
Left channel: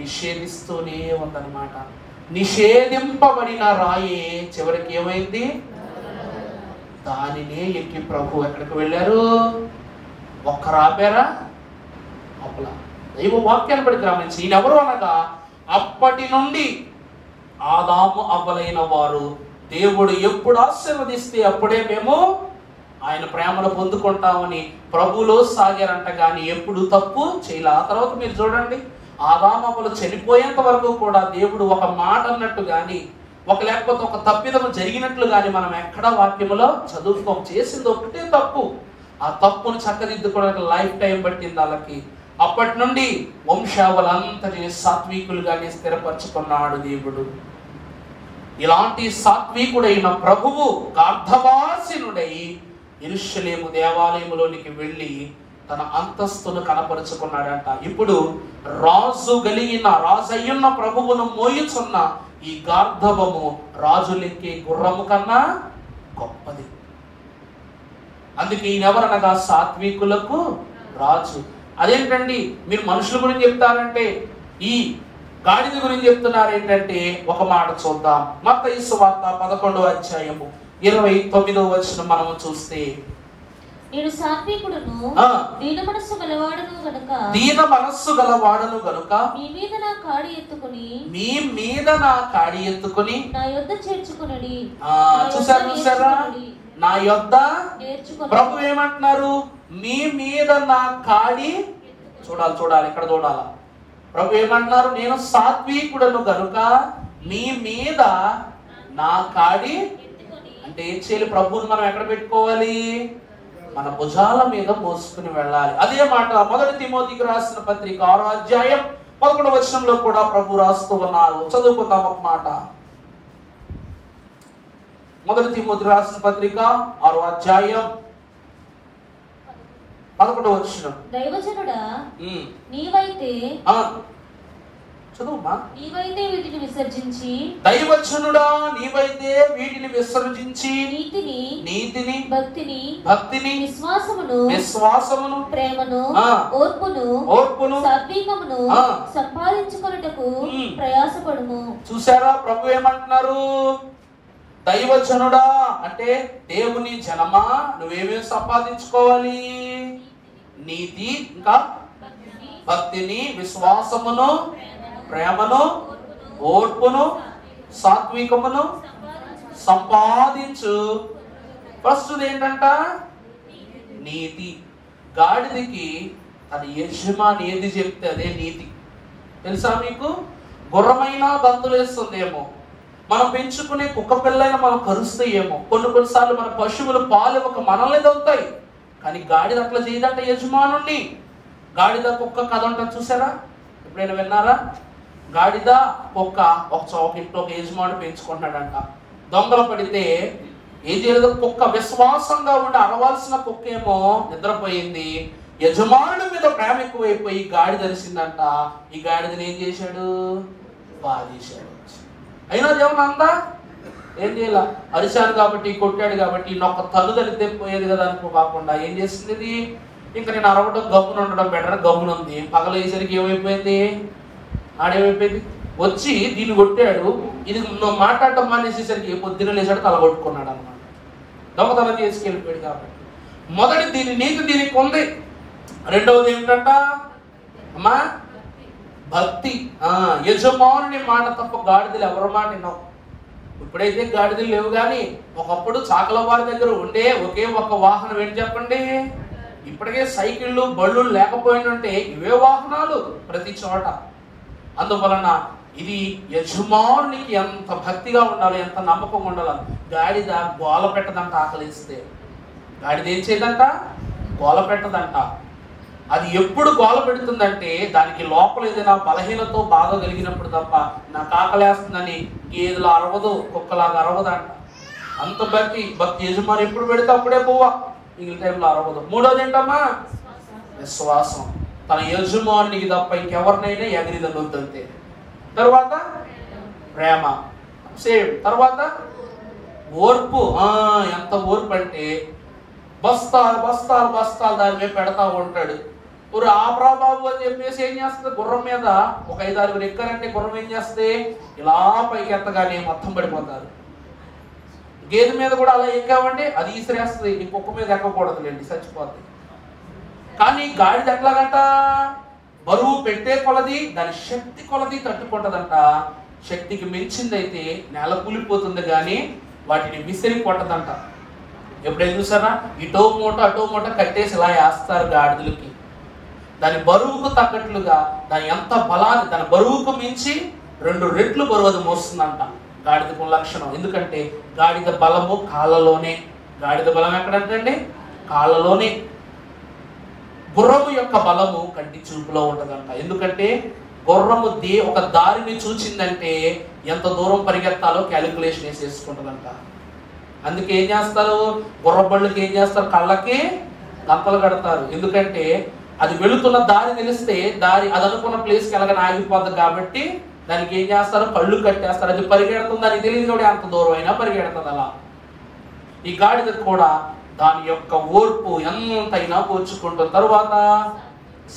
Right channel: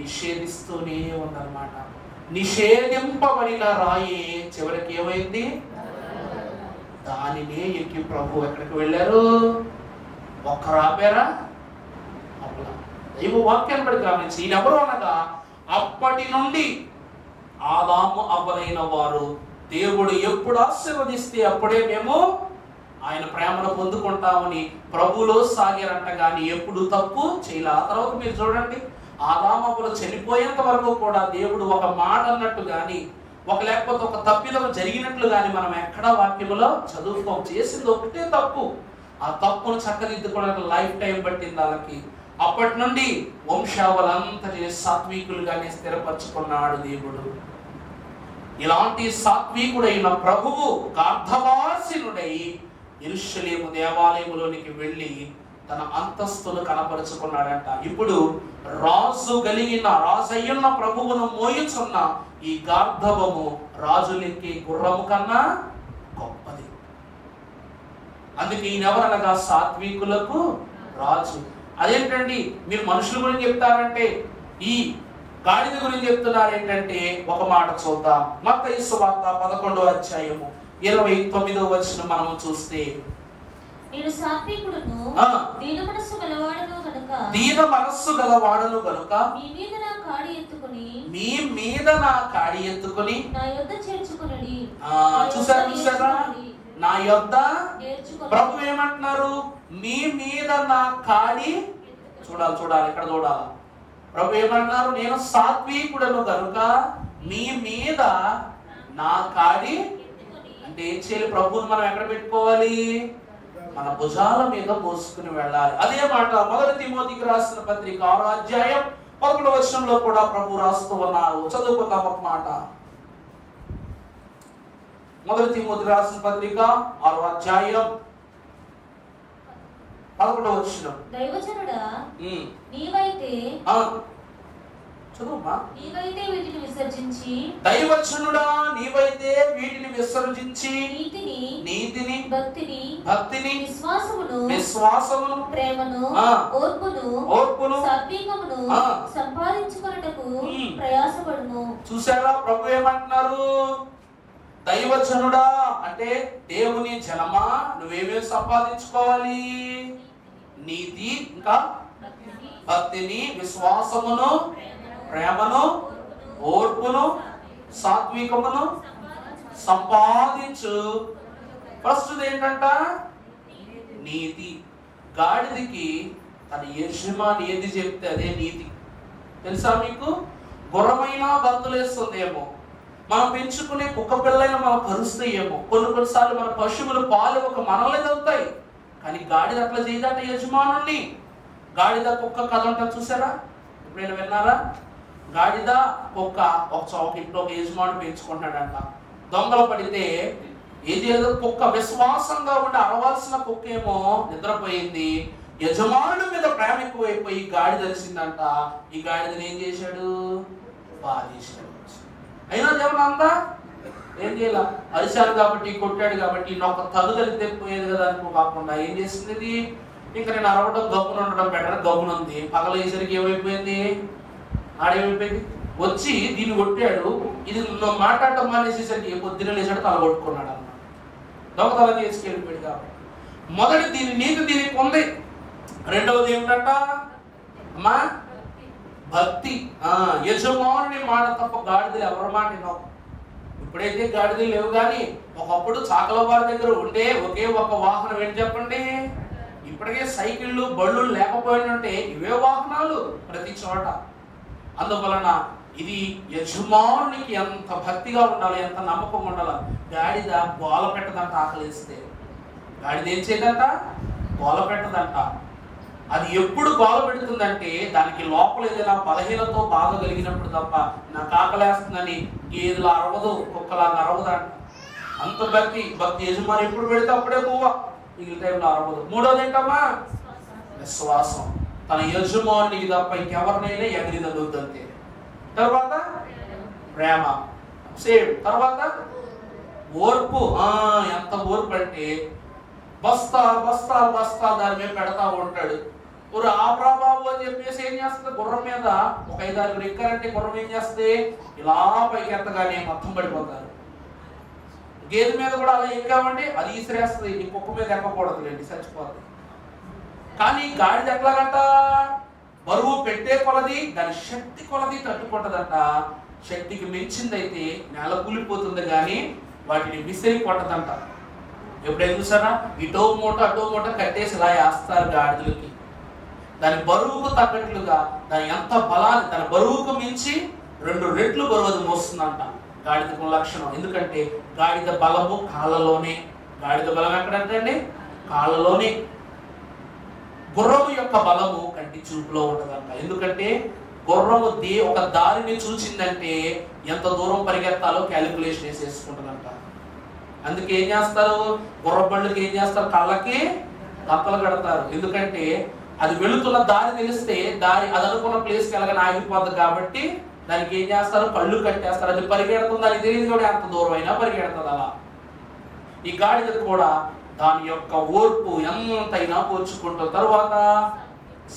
నిషేధిస్తూనే ఉందన్నమాట. నిషేధింపబడిన రాయే చివరికి ఏమైంది? దానినే ఎక్కి ప్రభు ఎక్కడికి వెళ్ళారు? ఒక్కరు ఆపారా? దైవ వాక్యాన్ని బట్టి గమనించి ఈయనెవరు అనగా, అప్పటి నుండి ఆదాము అవ్వలైన వారు దేవుడు ఎప్పుడు ఆశీర్వదిస్తే అప్పుడే మేము ఆయన ప్రేమను పొందుకుంటామని ప్రభులో సాగారంట. కానీ ఎప్పుడు తప్పు చేయలే. ఆ తర్వాత మీరు చూడండి, ఆదాము అవ్వలు చనిపోయేంత వరకు కూడా దేవుడు ఒక మాట అన్నట్టు గాని, లేకపోతే ఒక తప్పిదం జరిగినట్లు గాని మనం ఎక్కడా వాక్యములో చదువుకోం. చేసింది ఒకటే తప్పు. ఆ తప్పును చక్కదిద్దుకోవడానికి లైఫ్ టైం పట్టింది వాళ్ళకి. అప్పటి నుండి వంశావళంతటిని సాత్వికులుగానే స్థిరపరచుకున్నాడు దేవుడు. ఇలాంటి సాత్వికుడైన ప్రభువు గార్ధవాసినుడై యెరూషలేము దేవాలయములోనికి వెళ్ళి తన అంతస్తును కనపరుచుకున్నాడంట. ఇప్పుడు రాజయ్యున్న ప్రభువును మోయుచున్న ఈ గార్ధవము రాజులెక్కే గుర్రము కన్నా గొప్పది. అందుకే ఈయనెవరనగా సాత్వికులకు రాజు. అదేంటండి మీరు మనుషుల గురించి చెప్తారంటే, ఈ గాడిద గురించి చెప్తున్నారు ఏంటంటే, ఒక మాట చూద్దాం. మత్తయి సువార్త 11వ అధ్యాయము 29వ వచనం మనము చూస్తే, నేను సాత్వికుడును దీన మనస్సు గలవాడను గనుక మీ మీద నా కాడి ఎత్తుకుని నా యొద్ద చేర్చుకొనుడి. చూసారా? నా యొద్ద ప్రభు ఏమంటున్నారు? మీ మీద నా కాడి. చూడాలి, ఇక్కడ చూడాలి. ప్రభు ఏమంటున్నారు? నేను సాత్వికుడను గనుక మీ మీద నా కాడి. అంటే ఏం చేయాలి? ప్రభువుని మనం ఎక్కడ పెట్టుకోవాలి? మన భుజాల మీద మోసుకుని వెళ్ళాలి. అదే మాట 1 తిమోతికి రాసిన పత్రిక 6వ అధ్యాయం 11వ వచనంలో కూడా ప్రభు రాస్తూ ఉన్నారు. చదువుకుందాం ఒక మాట. 1 తిమోతి రాసిన పత్రిక 6వ అధ్యాయం 11వ వచనం. దైవజనుడా నీవైతే చదువుమా. నీవైతే వీటిని విసర్జించి, దైవజనుడా నీవైతే వీటిని విసర్జించి నీతిని భక్తిని విశ్వాసమును ప్రేమను ఓర్పును సాత్వికమును సంపాదించుకొనుటకు ప్రయాసపడుము. చూసారా ప్రభు ఏమంటున్నారు? దైవజనుడా అంటే దేవుని జనమా, నువ్వేమేమి సంపాదించుకోవాలి? నీతి, ఇంకా భక్తిని, విశ్వాసమును, ప్రేమను, ఓర్పును, సాత్వికమును సంపాదించు. ఫస్ట్ ఏంటంట? నీతి. గాడిదకి తన యజమాని ఏది చెప్తే అదే నీతి. తెలుసా మీకు? గుర్రమైనా గంతులేస్తుందేమో, మనం పెంచుకునే కుక్క పిల్లైనా మనం కరుస్తాయేమో, కొన్నిసార్లు మన పశువులు పాలు ఒక మనల్ని దొరుకుతాయి, కానీ గాడిద అట్లా చేయదంట యజమానుణ్ణి. గాడిద కుక్క కథ అంటారు చూసారా? ఎప్పుడైనా విన్నారా? గాడిద కుక్క ఒక ఇంట్లో ఒక యజమానుడు పెంచుకుంటున్నాడంట. దొంగలు పడితే ఏం చేయలేదు, కుక్క విశ్వాసంగా ఉండి అరవాల్సిన కుక్క ఏమో నిద్రపోయింది. యజమానుడి మీద ప్రేమ ఎక్కువైపోయి గాడిద తెలిసిందంట. ఈ గాడిదని ఏం చేశాడు? బాధేశాడు. అయినా దేవుని అందా ఏం చేయాల, అరిశాడు కాబట్టి కొట్టాడు కాబట్టి నొక్క తల్లు తలితే పోయేది కదా అనుకో కాకుండా ఏం చేసింది ఇది, ఇంకా నేను అరవడం గమ్మున ఉండడం బెటర్, గమ్మున ఉంది. పగలేసరికి ఏమైపోయింది, ఆడేమైపోయింది, వచ్చి దీన్ని కొట్టాడు. ఇది మాట్లాడటం మానేసేసరికి పొద్దున లేచాడు, తల కొట్టుకున్నాడు అనమాట. దొంగతనం చేసుకెళ్ళిపోయాడు. కాబట్టి మొదటి దీని నీతి దీనికి ఉంది. రెండవది ఏమిటంట అమ్మా? భక్తి. యజమానుని మాట తప్ప గాడిదలు ఎవరి మాట వినవు. ఇప్పుడైతే గాడిదలు లేవు, కానీ ఒకప్పుడు చాకల వారి దగ్గర ఉండే ఒకే ఒక వాహనం ఏంటి చెప్పండి? ఇప్పటికే సైకిళ్ళు బళ్ళు లేకపోయినంటే ఇవే వాహనాలు ప్రతి చోట. అందువలన ఇది యజమానునికి ఎంత భక్తిగా ఉండాలి, ఎంత నమ్మకం ఉండాలి. గాడిద గోల పెట్టదంట. ఆకలిస్తే గాడిద ఏం చేయదంట? గోల పెట్టదంట. అది ఎప్పుడు గోల పెడుతుందంటే దానికి లోపల ఏదైనా బలహీనతో బాధ కలిగినప్పుడు తప్ప. నాకు ఆకలేస్తుందని గేదెలు అరవదు, కుక్కలాగా అరవదంట. అంత భక్తి యజమాని ఎప్పుడు పెడితే అప్పుడే పోవా, మిగిలిన టైంలో అరవదు. మూడోది ఏంటమ్మా? విశ్వాసం. తన యజమానికి తప్ప ఇంకెవరినైనా ఎగిరిదొద్దంతే. తర్వాత ప్రేమ, సేమ్. తర్వాత ఓర్పు. ఎంత ఓర్పు అంటే బస్తాలు బస్తాలు బస్తాలు దాని మీద పెడతా ఉంటాడు. ఆ ప్రభావం అని చెప్పేసి ఏం చేస్తుంది, గుర్రం మీద ఒక 5-6 ఎక్కారంటే గుర్రం ఏం చేస్తే ఇలా పైకి ఎత్తగానే మొత్తం పడిపోతారు. గేదె మీద కూడా అలా ఎక్కామంటే అది ఈసిరేస్తుంది, ఈ కుక్క మీద ఎక్కకూడదులేండి, చచ్చిపోతుంది. కానీ గాడిద ఎట్లాగంట? బరువు పెట్టే కొలది దాని శక్తి కొలది తట్టుకుంటదంట. శక్తికి మించిందైతే నేల కూలిపోతుంది, కానీ వాటిని విసిరి కొట్టదంట. ఎప్పుడైనా చూసారా? ఇటో మూట అటో మూట కట్టేసి ఇలా వేస్తారు గాడిదలకి. దాని బరువుకు తగ్గట్లుగా దాని ఎంత బలాన్ని, దాని బరువుకు మించి 2 రెట్లు బరువు అది మోస్తుందంట. గాడిదకు లక్షణం. ఎందుకంటే గాడిద బలము కాళ్ళలోనే. గాడిద బలం ఎక్కడంటే కాళ్ళలోనే. గుర్రము యొక్క బలము కంటి చూపులో ఉండదంట. ఎందుకంటే గుర్రము ఒక దారిని చూచిందంటే ఎంత దూరం పరిగెత్తాలో క్యాలిక్యులేషన్ వేసేసుకుంటుందంట. అందుకే ఏం చేస్తారు, గుర్రబళ్ళకి ఏం చేస్తారు, కళ్ళకి గంతలు కడతారు. ఎందుకంటే అది వెళుతున్న దారి తెలిస్తే దారి అది అనుకున్న ప్లేస్కి వెళ్ళగానే ఆగిపోద్ది కాబట్టి దానికి ఏం చేస్తారు, కళ్ళు కట్టేస్తారు. అది పరిగెడుతుంది, దానికి తెలియదు కూడా ఎంత దూరం అయినా పరిగెడుతుంది. అలా ఈ గాడిద కూడా దాని యొక్క ఓర్పు ఎంతైనా కూర్చుకుంటుంది. తరువాత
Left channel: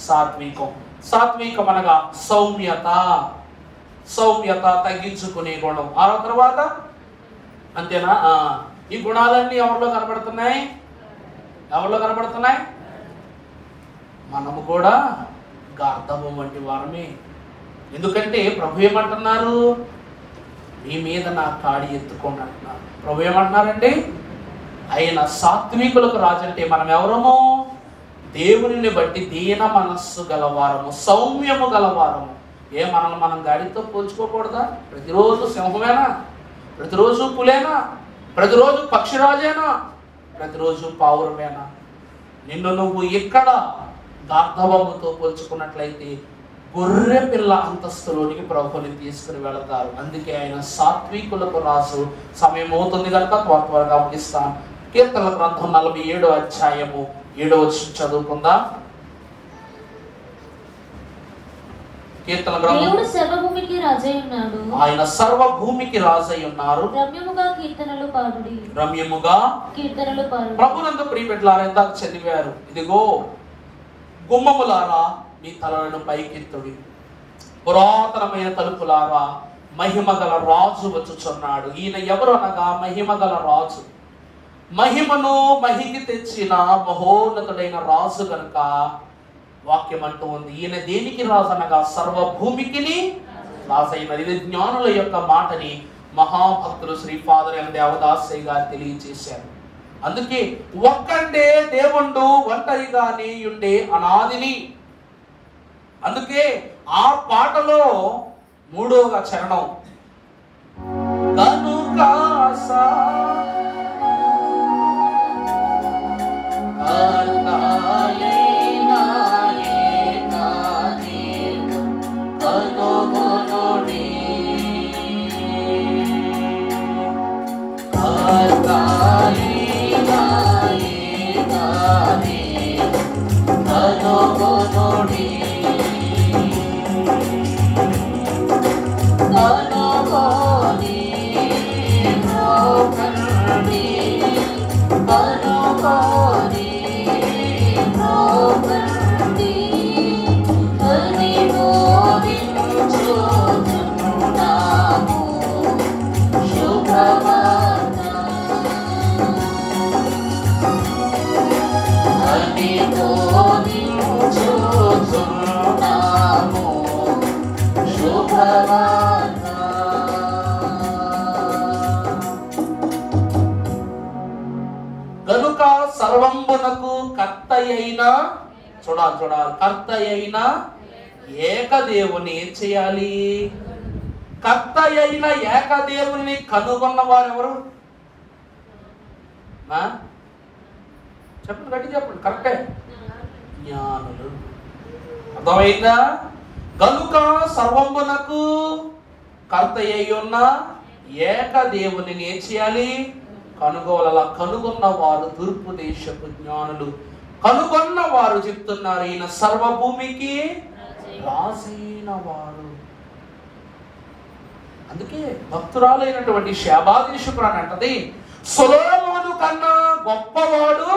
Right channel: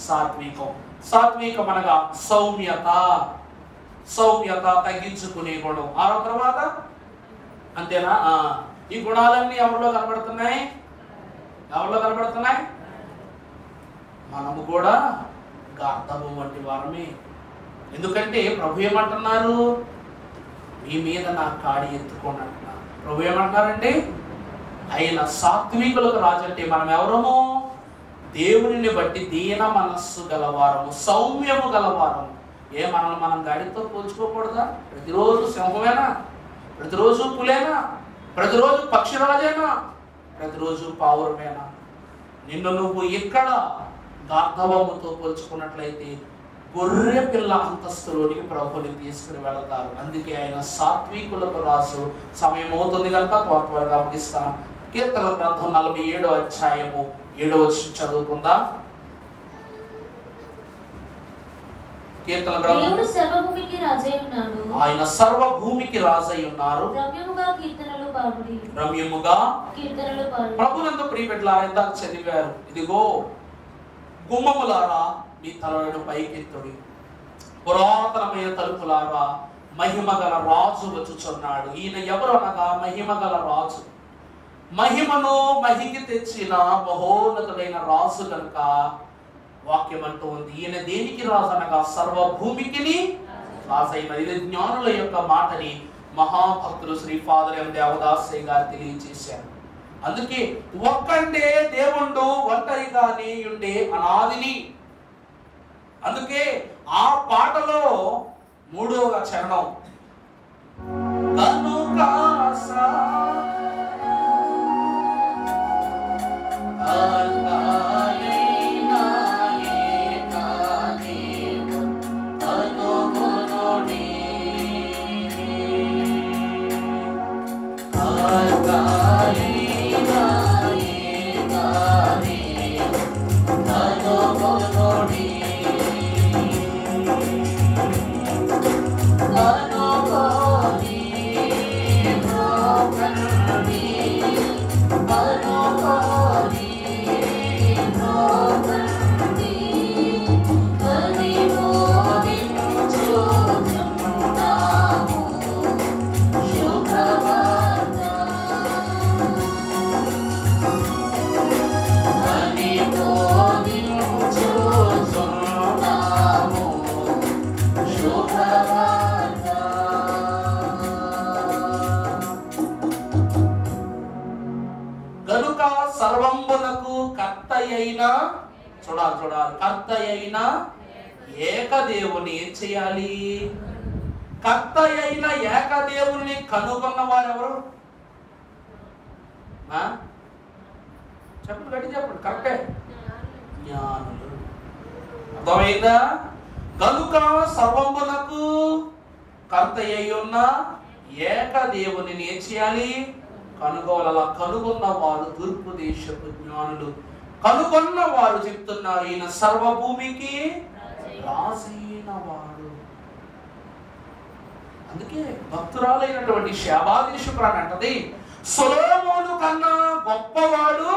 సాత్వికం. సాత్వికం అనగా సౌమ్యత. సౌమ్యత, తగ్గించుకునే గుణం. ఆ తర్వాత అంతేనా? ఈ గుణాలన్నీ ఎవరిలో కనబడుతున్నాయి? ఎవరిలో కనబడుతున్నాయి? మనము కూడా గార్ధవం వంటి వారమే. ఎందుకంటే ప్రభు ఏమంటున్నారు, మీ మీద నా కాడి ఎత్తుకోండి అంటున్నారు. ప్రభు ఏమంటున్నారండి, ఆయన సాత్వికులకు రాజు అంటే మనం ఎవరము? దేవుని బట్టి దీన మనస్సు గలవారము, సౌమ్యము గలవారము. మనల్ని మనం గాడితో పోల్చుకోకూడదా? ప్రతిరోజు సింహమేనా? ప్రతిరోజు పులేనా? ప్రతిరోజు పక్షిరాజేనా? ప్రతిరోజు పావురమేనా? నిన్ను నువ్వు ఇక్కడ గార్ధవముతో పోల్చుకున్నట్లయితే గొర్రె పిల్ల అంతస్తులోనికి ప్రభుని తీసుకుని వెళతారు. అందుకే ఆయన సాత్వికులకు రాసు. సమయం అవుతుంది కనుక త్వరగా ముగిస్తాను. కీర్తనల గ్రంథం 47వ అధ్యాయము 7వ వచనం చదువుకుందా? కీర్తన గ్రంథం. ఆయన సర్వభూమికి రాజై ఉన్నారు. రమ్యముగా ప్రభునందు ప్రియబిడ్డలారా, ఇందాక చదివారు, ఇదిగో గుమ్మములారా మీ తలలను పైకెత్తుడి, పురాతనమైన తలుపులారా మహిమ గల రాజు వచ్చుచున్నాడు. ఈయన ఎవరు అనగా మహిమ గల రాజు. మహిమను మహికి తెచ్చిన మహోన్నతుడైన రాజు కనుక వాక్యం అంటూ ఉంది. ఈయన దేనికి రాజు అనగా సర్వభూమికి రాజైన. ఇది జ్ఞానుల యొక్క మాటని మహాభక్తులు శ్రీ ఫాదర్ ఎం దేవదాసయ్య గారు తెలియజేశారు. అందుకే ఒక్కంటే దేవుడు ఒంటరిగానే ఉండే అనాదిని. అందుకే ఆ పాటలో 3వ చరణం కనుక గనుక సర్వంబునకు కర్త అయిన చూడాలి కర్త అయిన ఏకదేవుని ఏం చేయాలి? కర్త అయిన ఏకదేవుని కనుగొన్న వారెవరు? చెప్పండి, గట్టి చెప్పండి. కరెక్టే, జ్ఞానులు. అర్థమైందా? గనుక సర్వమునకు కర్త అయి ఉన్న ఏకదేవుని ఏం చేయాలి? కనుగోలలా. కనుగొన్న వారు తూర్పు దేశపు జ్ఞానులు. కనుగొన్న వారు చెప్తున్నారు ఈయన సర్వభూమికి రాసిన వారు. అందుకే భక్తురాలైనటువంటి శాబాదేశురాలు అంటది, సొలొమోను కన్నా గొప్పవాడు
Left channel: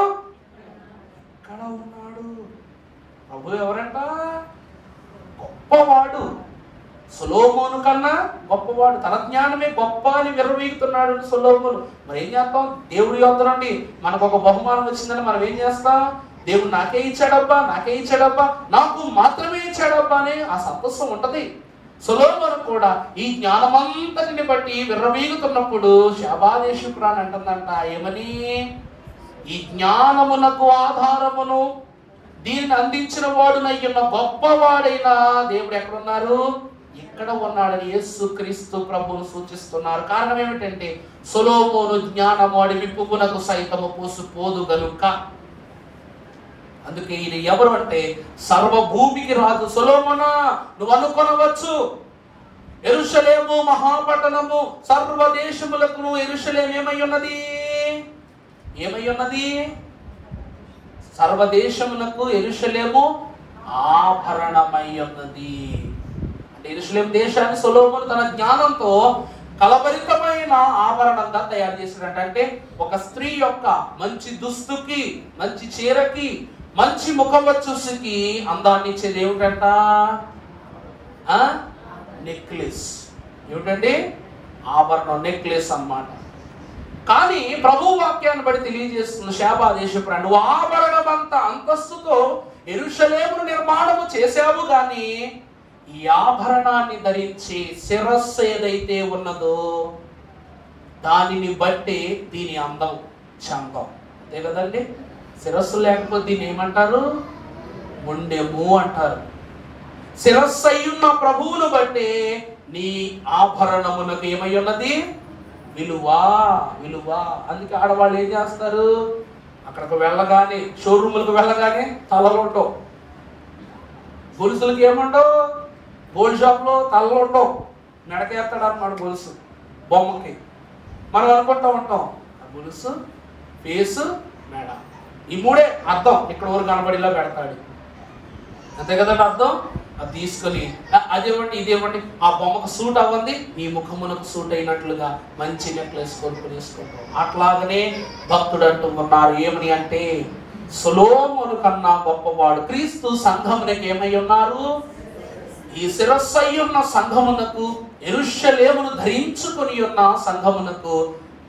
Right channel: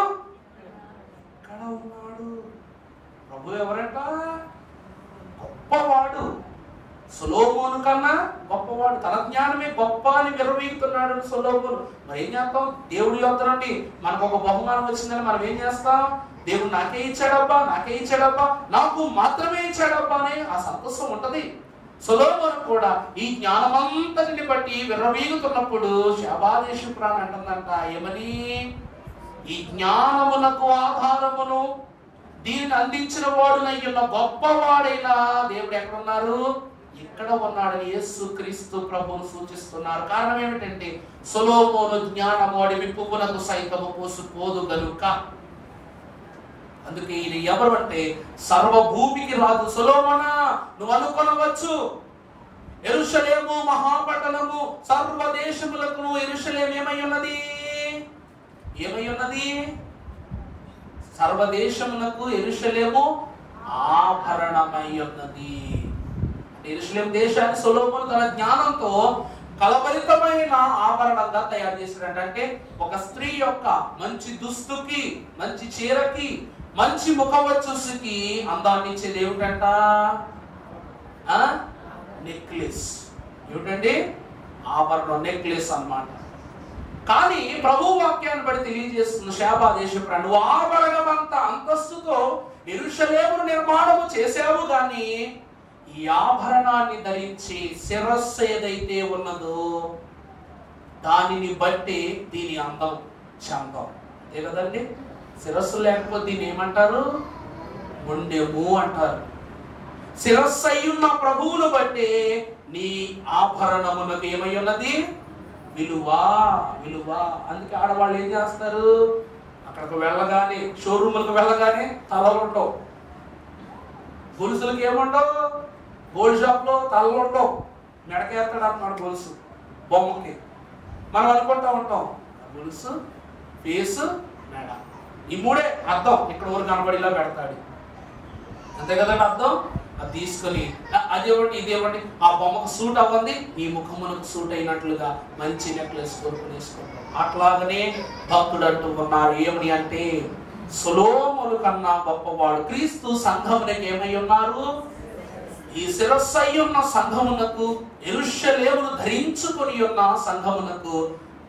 ఎక్కడ ఉన్నాడు? ప్రభు ఎవరంట? గొప్పవాడు. సొలొమోను కన్నా గొప్పవాడు. తన జ్ఞానమే గొప్ప అని విర్రవీగుతున్నాడు సొలొమోను. మరి ఏం చేస్తాం? దేవుడి యొద్ద నుండి మనకు ఒక బహుమానం వచ్చిందని మనం ఏం చేస్తాం? దేవుడు నాకే ఇచ్చాడబ్బా, నాకు మాత్రమే ఇచ్చాడబ్బా అని ఆ సంతోషం ఉంటది. సొలొమోను కూడా ఈ జ్ఞానమంతటిని బట్టి విర్రవీగుతున్నప్పుడు శాబాదేశురాలు అంటుందంట ఏమని? ఈ జ్ఞానమునకు ఆధారమును దీన్ని అందించిన వాడునయ్యున్న గొప్పవాడైన దేవుడు ఎక్కడున్నారు? ఇక్కడ ఉన్నాడని యేసుక్రీస్తు ప్రభువును సూచిస్తున్నారు. కారణం ఏమిటంటే సొలొమోను జ్ఞానమోడి విప్పునకు సైతము పోసుపోదు గనుక. అందుకే ఇది ఎవరు అంటే సర్వభూమికి రాజు. సొలొమోనా, నువ్వు అనుకొనవచ్చు యెరూషలేము మహాపట్టణము సర్వదేశములకు యెరూషలేము ఏమై ఉన్నది? సర్వదేశములకు యెరూషలేము ఆభరణమై ఉన్నది. యెరూషలేము దేశాన్ని సొలొమోను తన జ్ఞానంతో కలపరితమైన ఆభరణంగా తయారు చేసినట్టు. అంటే ఒక స్త్రీ యొక్క మంచి దుస్తుకి, మంచి చీరకి, మంచి ముఖవచ్చుకి అందాన్ని ఇచ్చేది ఏమిటంట? నెక్లెస్. ఏమిటండి? ఆభరణం, నెక్లెస్ అన్నమాట. కానీ ప్రభు వాక్యాన్ని బట్టి తెలియజేస్తుంది శాబాదేశురాలు, నువ్వు ఆభరణమంత అంతస్తుతో యెరూషలేమును నిర్మాణము చేశావు గాని ఈ ఆభరణాన్ని ధరించి శిరస్సు ఏదైతే ఉన్నదో దానిని బట్టి దీని అందం చందం. అంతే కదండి? శిరస్సు లేకపోతే దీన్ని ఏమంటారు? మొండెము అంటారు. శిరస్సు అయ్యున్న ప్రభువును బట్టి నీ ఆభరణమునకు ఏమై ఉన్నది? విలువ. అందుకే ఆడవాళ్ళు ఏం చేస్తారు? అక్కడికి వెళ్ళగానే, షోరూములకు వెళ్ళగానే తలలు ఉండవు, గొలుసులకి ఏముండవు, గోల్డ్ షాప్ లో తలలు ఉండవు, మెడకేస్తాడు అన్నమాట గొలుసు బొమ్మకి. మనం అనుకుంటూ ఉంటాం గొలుసు, ఫేసు, మెడ, ఈ మూడే అర్థం. ఇక్కడ ఊరు కనబడిలా పెడతాడు, అంతే కదండి అర్థం. అది తీసుకొని అదేవంటి ఇదేవంటి ఆ బొమ్మకు సూట్ అవ్వండి, ఈ ముఖమునకు సూట్ అయినట్లుగా మంచి నెక్లెస్ కొనుక్కునేసుకుంటాం. అట్లాగనే భక్తుడు అంటున్నారు ఏమని అంటే సొలొమోను కన్నా గొప్పవాడు. క్రీస్తు సంఘమునకు ఏమై ఉన్నారు? ఈ శిరస్సు అయ్యున్న సంఘమునకు, యెరూషలేమును ధరించుకొని ఉన్న సంఘమునకు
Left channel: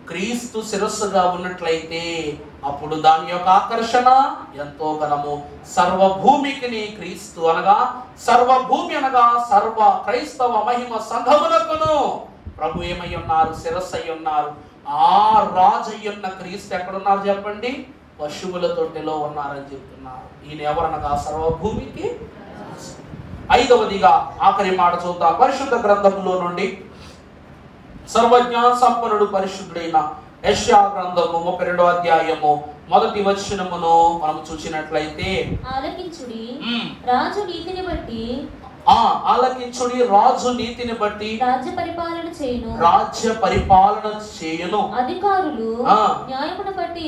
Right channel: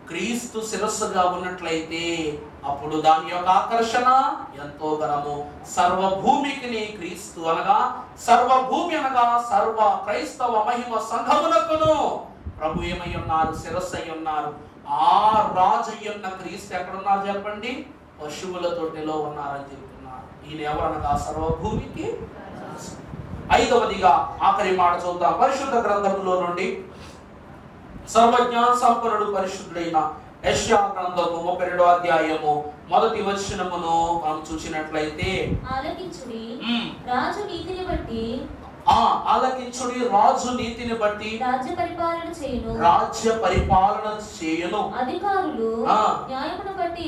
క్రీస్తు శిరస్సుగా ఉన్నట్లయితే అప్పుడు దాని యొక్క ఆకర్షణ ఎంతో ఘనము. సర్వభూమికి క్రీస్తు అనగా, సర్వభూమి అనగా సర్వ క్రైస్తవ మహిమ సంఘమునకును ప్రభు ఏమై ఉన్నారు? శిరస్సు అయి ఉన్నారు. ఆ రాజయ్యున్న క్రీస్తు ఎక్కడున్నారు చెప్పండి? పశువుల తొట్టెలో ఉన్నారని చెప్తున్నారు. ఈయన ఎవరనగా సర్వభూమికి. ఐదవదిగా ఆఖరి మాట చూద్దాం. పరిశుద్ధ గ్రంథంలో నుండి సర్వజ్ఞాన సంపన్నుడు పరిశుద్ధుడైన యెషయా గ్రంథము 32వ అధ్యాయము 1వ వచనమును మనం చూసినట్లయితే, ఆలకించుడి రాజు నీతిని బట్టి, ఆలకించుడి రాజు నీతిని బట్టి రాజ్య పరిపాలన చేయును. అధికారులు న్యాయమును బట్టి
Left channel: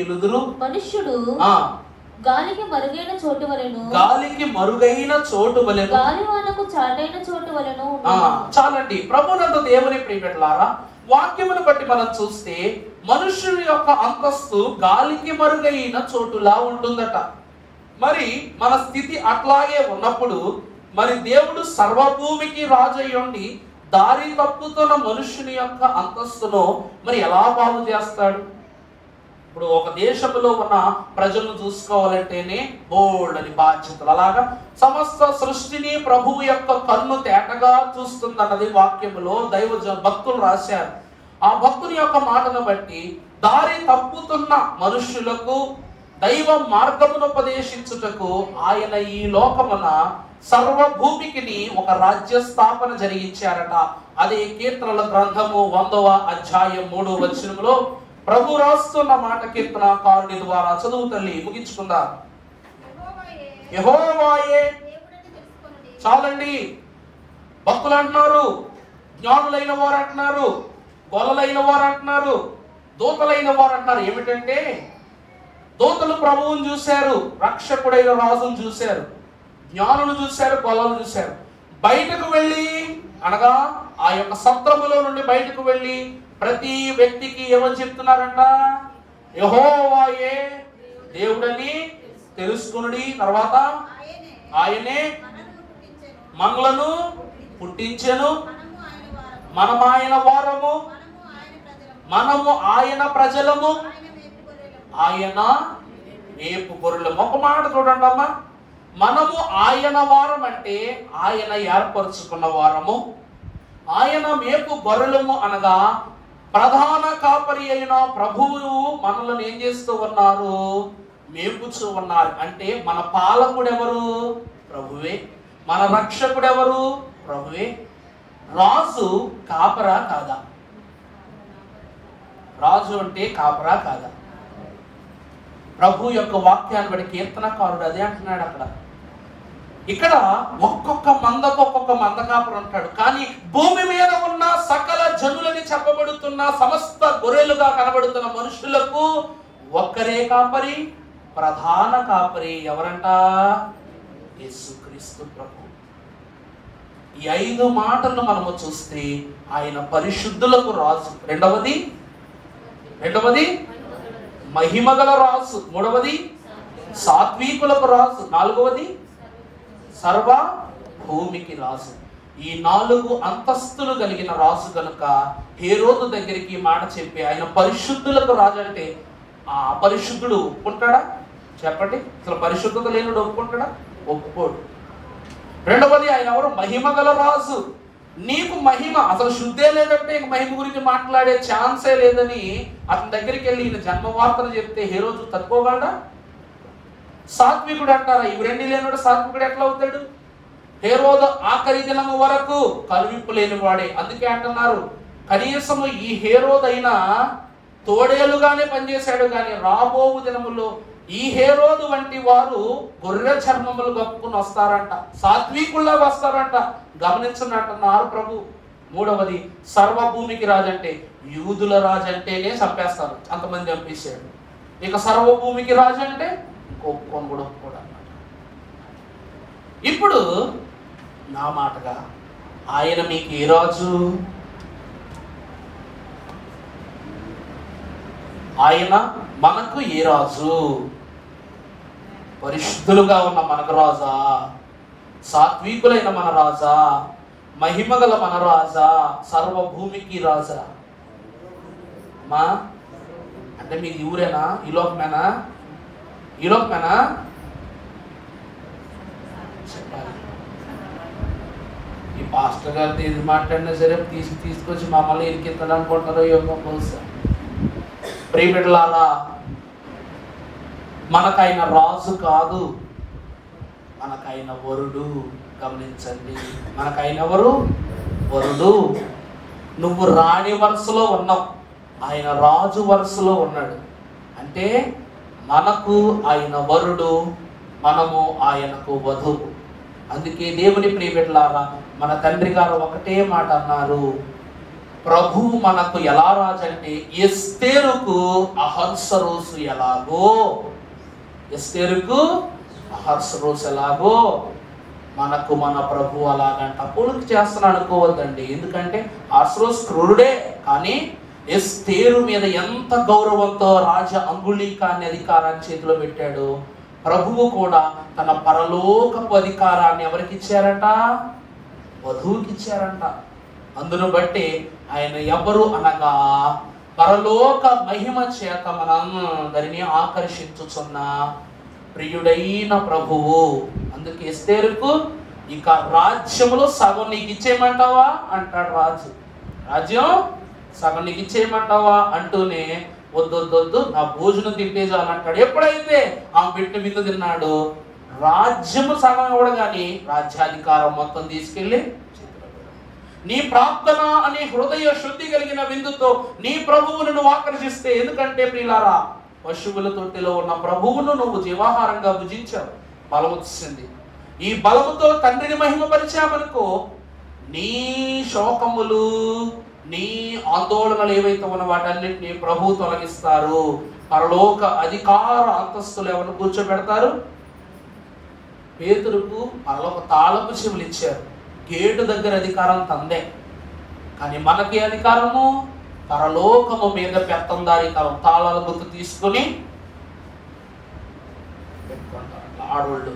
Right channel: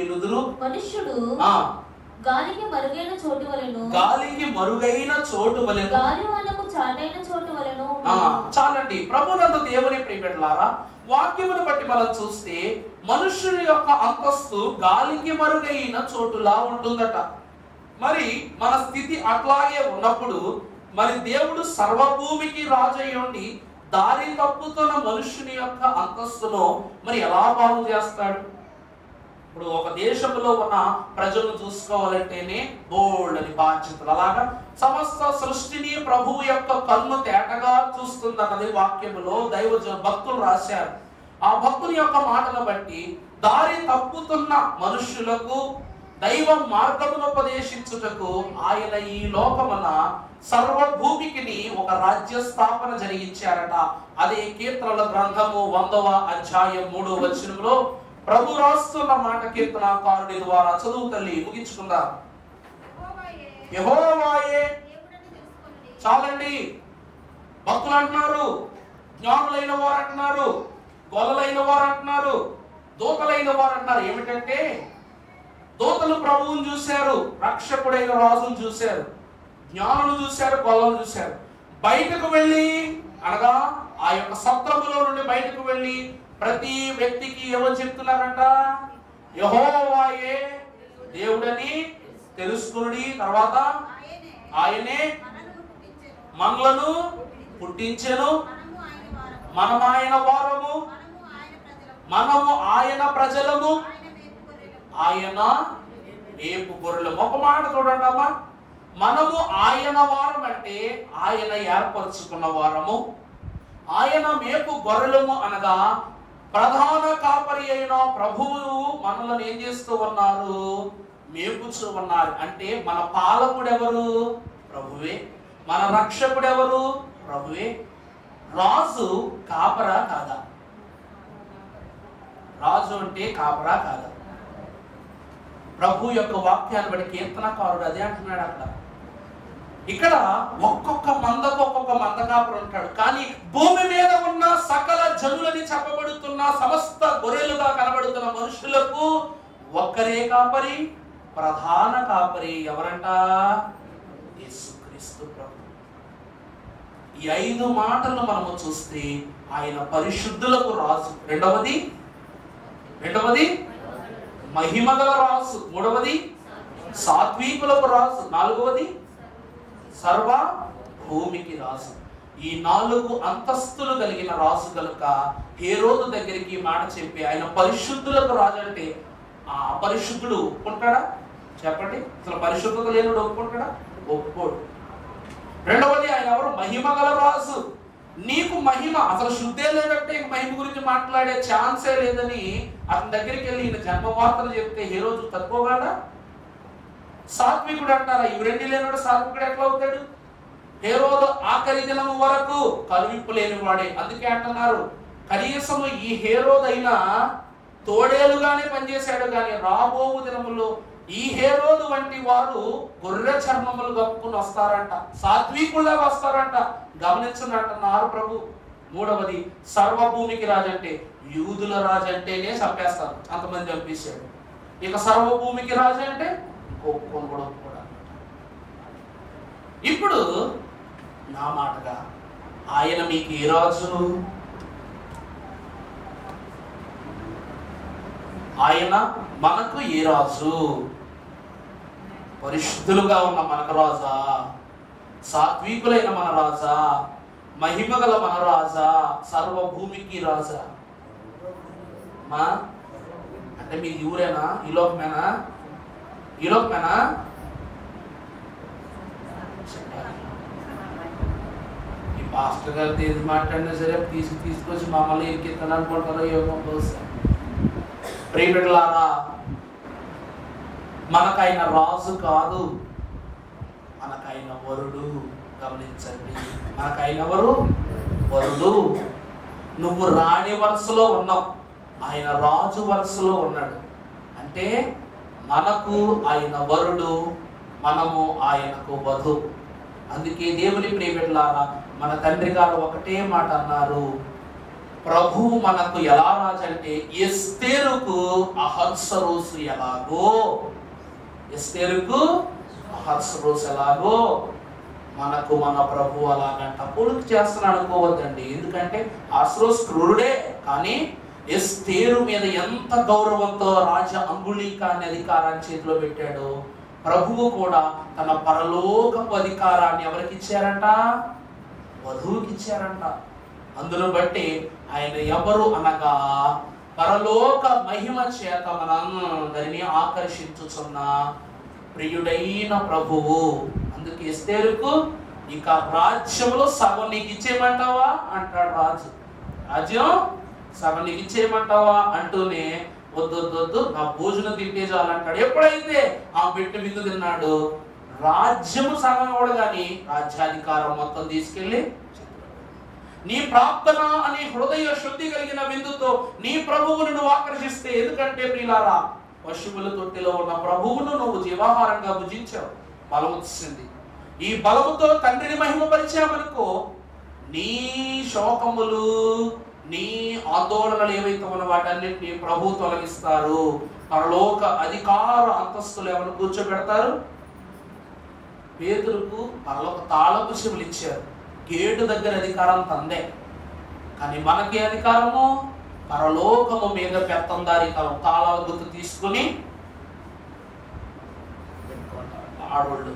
ఏలుదురు. మనుష్యుడు గాలికి మరుగైన చోటు వలెను, గాలివానకు చాటైన చోటు వలెను. చాలండి. ప్రభునందు దేవుని ప్రియమిత్రులారా, వాక్యమును బట్టి మనం చూస్తే మనుష్యుని యొక్క అంతస్తు గాలికి మరుగైన చోటులా ఉంటుందట. మరి మన స్థితి అట్లాగే ఉన్నప్పుడు మరి దేవుడు సర్వభూమికి రాజయ్యుండి దారి తప్పుతున్న మనుష్యుని యొక్క అంతస్తును మరి ఎలా బాగు చేస్తాడు? ఇప్పుడు ఒక దేశంలో ఉన్న ప్రజలను చూసుకోవాలంటేనే బోల్డని బాధ్యతలు. అలాగా సమస్త సృష్టిని ప్రభు యొక్క కన్ను తేటగా చూస్తుందన్నది వాక్యములో భక్తులు రాశారు. ఆ భక్తుని యొక్క మాటను బట్టి దారి తప్పుతున్న మనుష్యులకు దైవ మార్గమును ఉపదేశించుటకు ఆయన ఈ లోకమున సర్వభూమికి ఒక రాజ్య స్థాపన జరిగించారట. అదే కీర్తనల గ్రంథము 100వ అధ్యాయం 3వ వచనంలో ప్రభు రాస్తున్న మాట కీర్తనకారుడి ద్వారా చదువు తల్లి ముగించుకుందాం. యెహోవాయే. చాలండి. భక్తులు అంటున్నారు, జ్ఞానులైన వారు అంటున్నారు, గొల్లలైన వారు అంటున్నారు, దూతలైన వారు అంటున్నారు. ఏమిటంటే దూతలు ప్రభువును చూశారు, రక్షకుడైన రాజును చూశారు, జ్ఞానులు చూశారు, గొల్లలు చూశారు. బయటకు వెళ్ళి అనగా ఆ యొక్క సత్రములో నుండి బయటకు వెళ్ళి ప్రతి వ్యక్తికి ఏమని చెప్తున్నారంట? యెహోవాయే దేవుడని తెలుసుకుని, తర్వాత ఆయనే మనలను పుట్టించెను, మనము ఆయన వారము, మనము ఆయన ప్రజలము, ఆయన మేపు గొర్రెలు. ఒక మాట చూడండి అమ్మా, మనము ఆయన వారం అంటే ఆయన ఏర్పరచుకున్న వారము, ఆయన మేపు గొర్రెలము అనగా ప్రధాన కాపరి అయిన ప్రభువు మనల్ని ఏం చేస్తూ ఉన్నారు? మేపుచూ ఉన్నారు. అంటే మన పాలకుడు ఎవరు? ప్రభువే. మన రక్షకుడు ఎవరు? ప్రభువే. రాజు కాపరా కాదా? రాజు అంటే కాపరా కాదా? ప్రభు యొక్క వాక్యాన్ని బట్టి కీర్తనకారుడు అదే అంటున్నాడు. అక్కడ ఇక్కడ ఒక్కొక్క మంద కాపురు అంటాడు. కానీ భూమి మీద ఉన్న సకల జనులని చెప్పబడుతున్న సమస్త గొర్రెలుగా కనబడుతున్న మనుషులకు ఒక్కరే కాపరి, ప్రధాన కాపరి. ఎవరంట? యేసుక్రీస్తు ప్రభు. ఈ 5 మాటలు మనము చూస్తే ఆయన పరిశుద్ధులకు రాజు. రెండవది మహిమగల రాజు. మూడవది సాత్వికులకు రాజు. నాలుగవది సర్వ భూమికి రాజు. ఈ 4 అంతస్తులు కలిగిన రాజు కనుక హేరోదు దగ్గరికి మాట చెప్పి ఆయన పరిశుద్ధులకు రాజు అంటే ఆ పరిశుద్ధుడు ఒప్పుకుంటాడా? చెప్పండి. అసలు పరిశుద్ధత లేనుడు ఒప్పుకుంటాడా? ఒప్పుకోడు. రెండవది ఆయన ఎవరు? మహిమగల రాజు. నీకు మహిమ అసలు శుద్ధే లేదంటే మహిమ గురించి మాట్లాడే ఛాన్సే లేదని అతని దగ్గరికి వెళ్ళి ఈయన జన్మవార్తలు చెప్తే హేరోదు తక్కువవాడా? సాత్వికుడు అంటారా? ఇవి రెండు లేనివాడు సాత్వికుడు ఎట్లా అవుతాడు? హేరోదు ఆఖరి దినము వరకు కలువిప్పు లేనివాడే. అందుకే అంటున్నారు, కనీసము ఈ హేరోదు అయినా తోడేలుగానే పనిచేశాడు, కానీ రాబో దినములో ఈ హేరోదు వంటి వారు గొర్రె చర్మములు కప్పుకుని వస్తారంట, సాత్వికుల్లా వస్తారంట. గమనించండి అంటున్నారు ప్రభు. మూడవది సర్వభూమికి రాజంటే యూదుల రాజు అంటేనే చంపేస్తారు, అంతమంది చంపేశాడు. ఇక సర్వభూమికి రాజు అంటే ఒప్పుకొని కూడా ఒప్పుకోడు అన్నమాట. ఇప్పుడు నా మాటగా ఆయన మీకు ఏ రాజు? ఆయన మనకు ఏ రాజు? పరిశుద్ధులుగా ఉన్న మనకు రాజా? సాత్వికులైన మన రాజా? మహిమగల మన రాజా? సర్వభూమికి రాజా? మా అంటే మీది ఊరేనా? ఈ లోకమేనా? ఈ లోకమేనా? చెప్పారా? ఈ పాస్టర్ గారితో ఏది మాట్లాడినా సరే తీసుకొచ్చి మమ్మల్ని ఇరికిస్తాడు అనుకుంటారో ఏమో బహుశా. ప్రియబిడ్డలారా, మనకైన రాజు కాదు, మనకైన వరుడు. గమనించండి, మనకైన వరుడు. నువ్వు రాణి వరుసలో ఉన్నావు, ఆయన రాజు వరుసలో ఉన్నాడు. అంటే మనకు ఆయన వరుడు, మనము ఆయనకు వధువు. అందుకే దేవుని ప్రియబిడ్డలారా, మన తండ్రి గారు ఒకటే మాట అన్నారు, ప్రభువు మనకు ఎలా రాజు అంటే ఎస్తేరుకు అహర్సరోసు ఎలాగో, ఎస్తేరుకు అహర్సరోసు ఎలాగో మనకు మన ప్రభు అలాగంట. పోలిక చేస్తున్నాడు అనుకోవద్దండి, ఎందుకంటే అహర్సరోసు క్రూరుడే, కానీ ఎస్తేరు మీద ఎంత గౌరవంతో రాజా అంగుళీకాన్ని అధికారాన్ని చేతిలో పెట్టాడు. ప్రభువు కూడా తన పరలోకపు అధికారాన్ని ఎవరికి ఇచ్చారట? వధువుకి ఇచ్చారంట. అందును బట్టి ఆయన ఎవరు అనగా పరలోక మహిమ చేత మనందరినీ ఆకర్షించుచున్న ప్రియుడైన ప్రభువు. అందుకే ఎస్తేరుకు ఇక రాజ్యములో సగం నీకు ఇచ్చేయమంటావా అంటాడు రాజు. రాజ్యం సగం నీకు ఇచ్చేయమంటావా అంటూనే వద్దొద్దొద్దు, నా భోజనం తింటే చాలంటాడు. ఎప్పుడైతే ఆ బిడ్డ విందు తిన్నాడు, రాజ్యము సగం కూడా కానీ రాజ్యాధికారం మొత్తం తీసుకెళ్లి నీ ప్రార్థన అనే హృదయ శుద్ధి కలిగిన విందుతో నీ ప్రభువును నువ్వు ఆకర్షిస్తే, ఎందుకంటే ప్రియులారా, పశువుల తొట్టిలో ఉన్న ప్రభువును నువ్వు జీవాహారంగా భుజించావు, బలం వచ్చింది. ఈ బలముతో తండ్రిని మహిమపరిచామనుకో, నీ శోకములు, నీ ఆందోళనలు ఏవైతే ఉన్న వాటన్నిటిని ప్రభు తొలగిస్తారు. పరలోక అధికార అంతస్తులు ఎవరు కూర్చోబెడతారు? పేతురుకు పరలోక తాళపు చెవులు ఇచ్చారు. గేటు దగ్గర అధికారం తందే, కానీ మనకి అధికారము పరలోకము మీద పెత్తందారికారం. తాళాల గుర్తు తీసుకుని పెట్టుకుంటారు. ఆడవాళ్ళు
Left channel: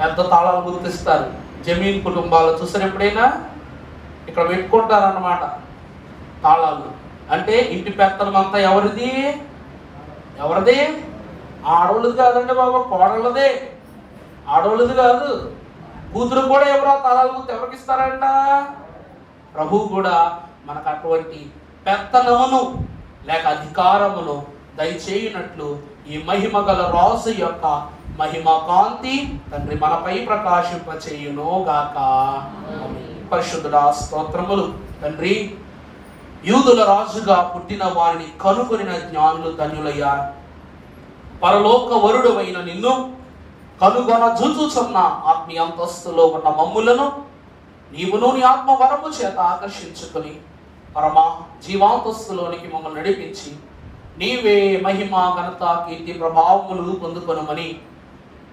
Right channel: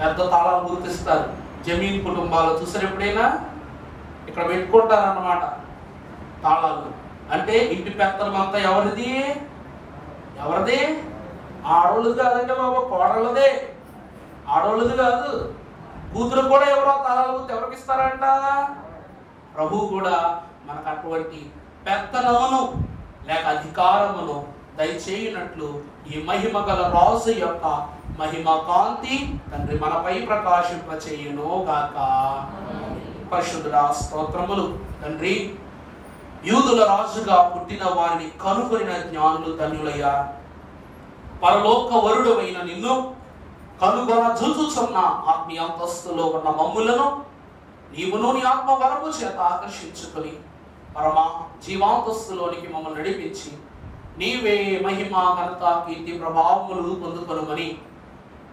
పెద్ద తాళాలు గుర్తిస్తారు. జమీన్ కుటుంబాలు చూసారు ఎప్పుడైనా? ఇక్కడ పెట్టుకుంటారు అన్నమాట తాళాలు. అంటే ఇంటి పెత్తనం అంతా ఎవరిది? ఆడవాళ్ళది కాదండి బాబా, కోడళ్ళదే. ఆడవాళ్ళది కాదు, కూతురు కూడా ఎవరో తాళాలు గుర్తు ఎవరికి ఇస్తారంట? ప్రభువు కూడా మనకు అటువంటి పెత్తనమును లేక అధికారమును దయచేయనట్లు ఈ మహిమ గల రాజు యొక్క మహిమ కాంతి తండ్రి మనపై ప్రకాశింపచేయును గాక. పరిశుద్ధుడా స్తోత్రములు. తండ్రి, యూదుల రాజుగా పుట్టిన వారిని కనుగొనిన జ్ఞానులు ధన్యులయ్యారు. పరలోక వరుడవైన నిన్ను కనుగొన చూచుచున్న ఆత్మీయ అంతస్తులో ఉన్న మమ్ములను నీవును నీ ఆత్మ వరము చేత ఆకర్షించుకొని పరమ జీవాంతస్తులోనికి మమ్మల్ని నడిపించి నీవే మహిమ ఘనత కీర్తి ప్రభావములు పొందుకొనమని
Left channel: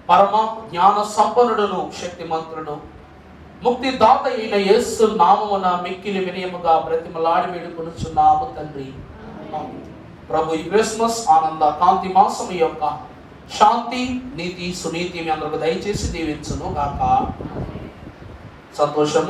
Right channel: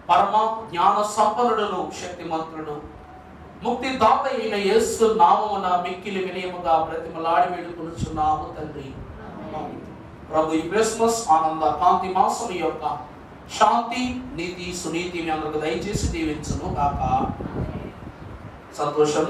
పరమ జ్ఞాన సంపన్నుడును శక్తిమంతుడు ముక్తి దాత అయిన యేసు నామమున మిక్కిలి వినయముగా బ్రతిమలాడి వేడుకొనుచున్నాము తండ్రి. ప్రభు ఈ క్రిస్మస్ ఆనంద కాంతి మాసం యొక్క శాంతి, నీతి, సునీతి మీ అందరికి దయచేసి దీవించును కాక. సంతోషము.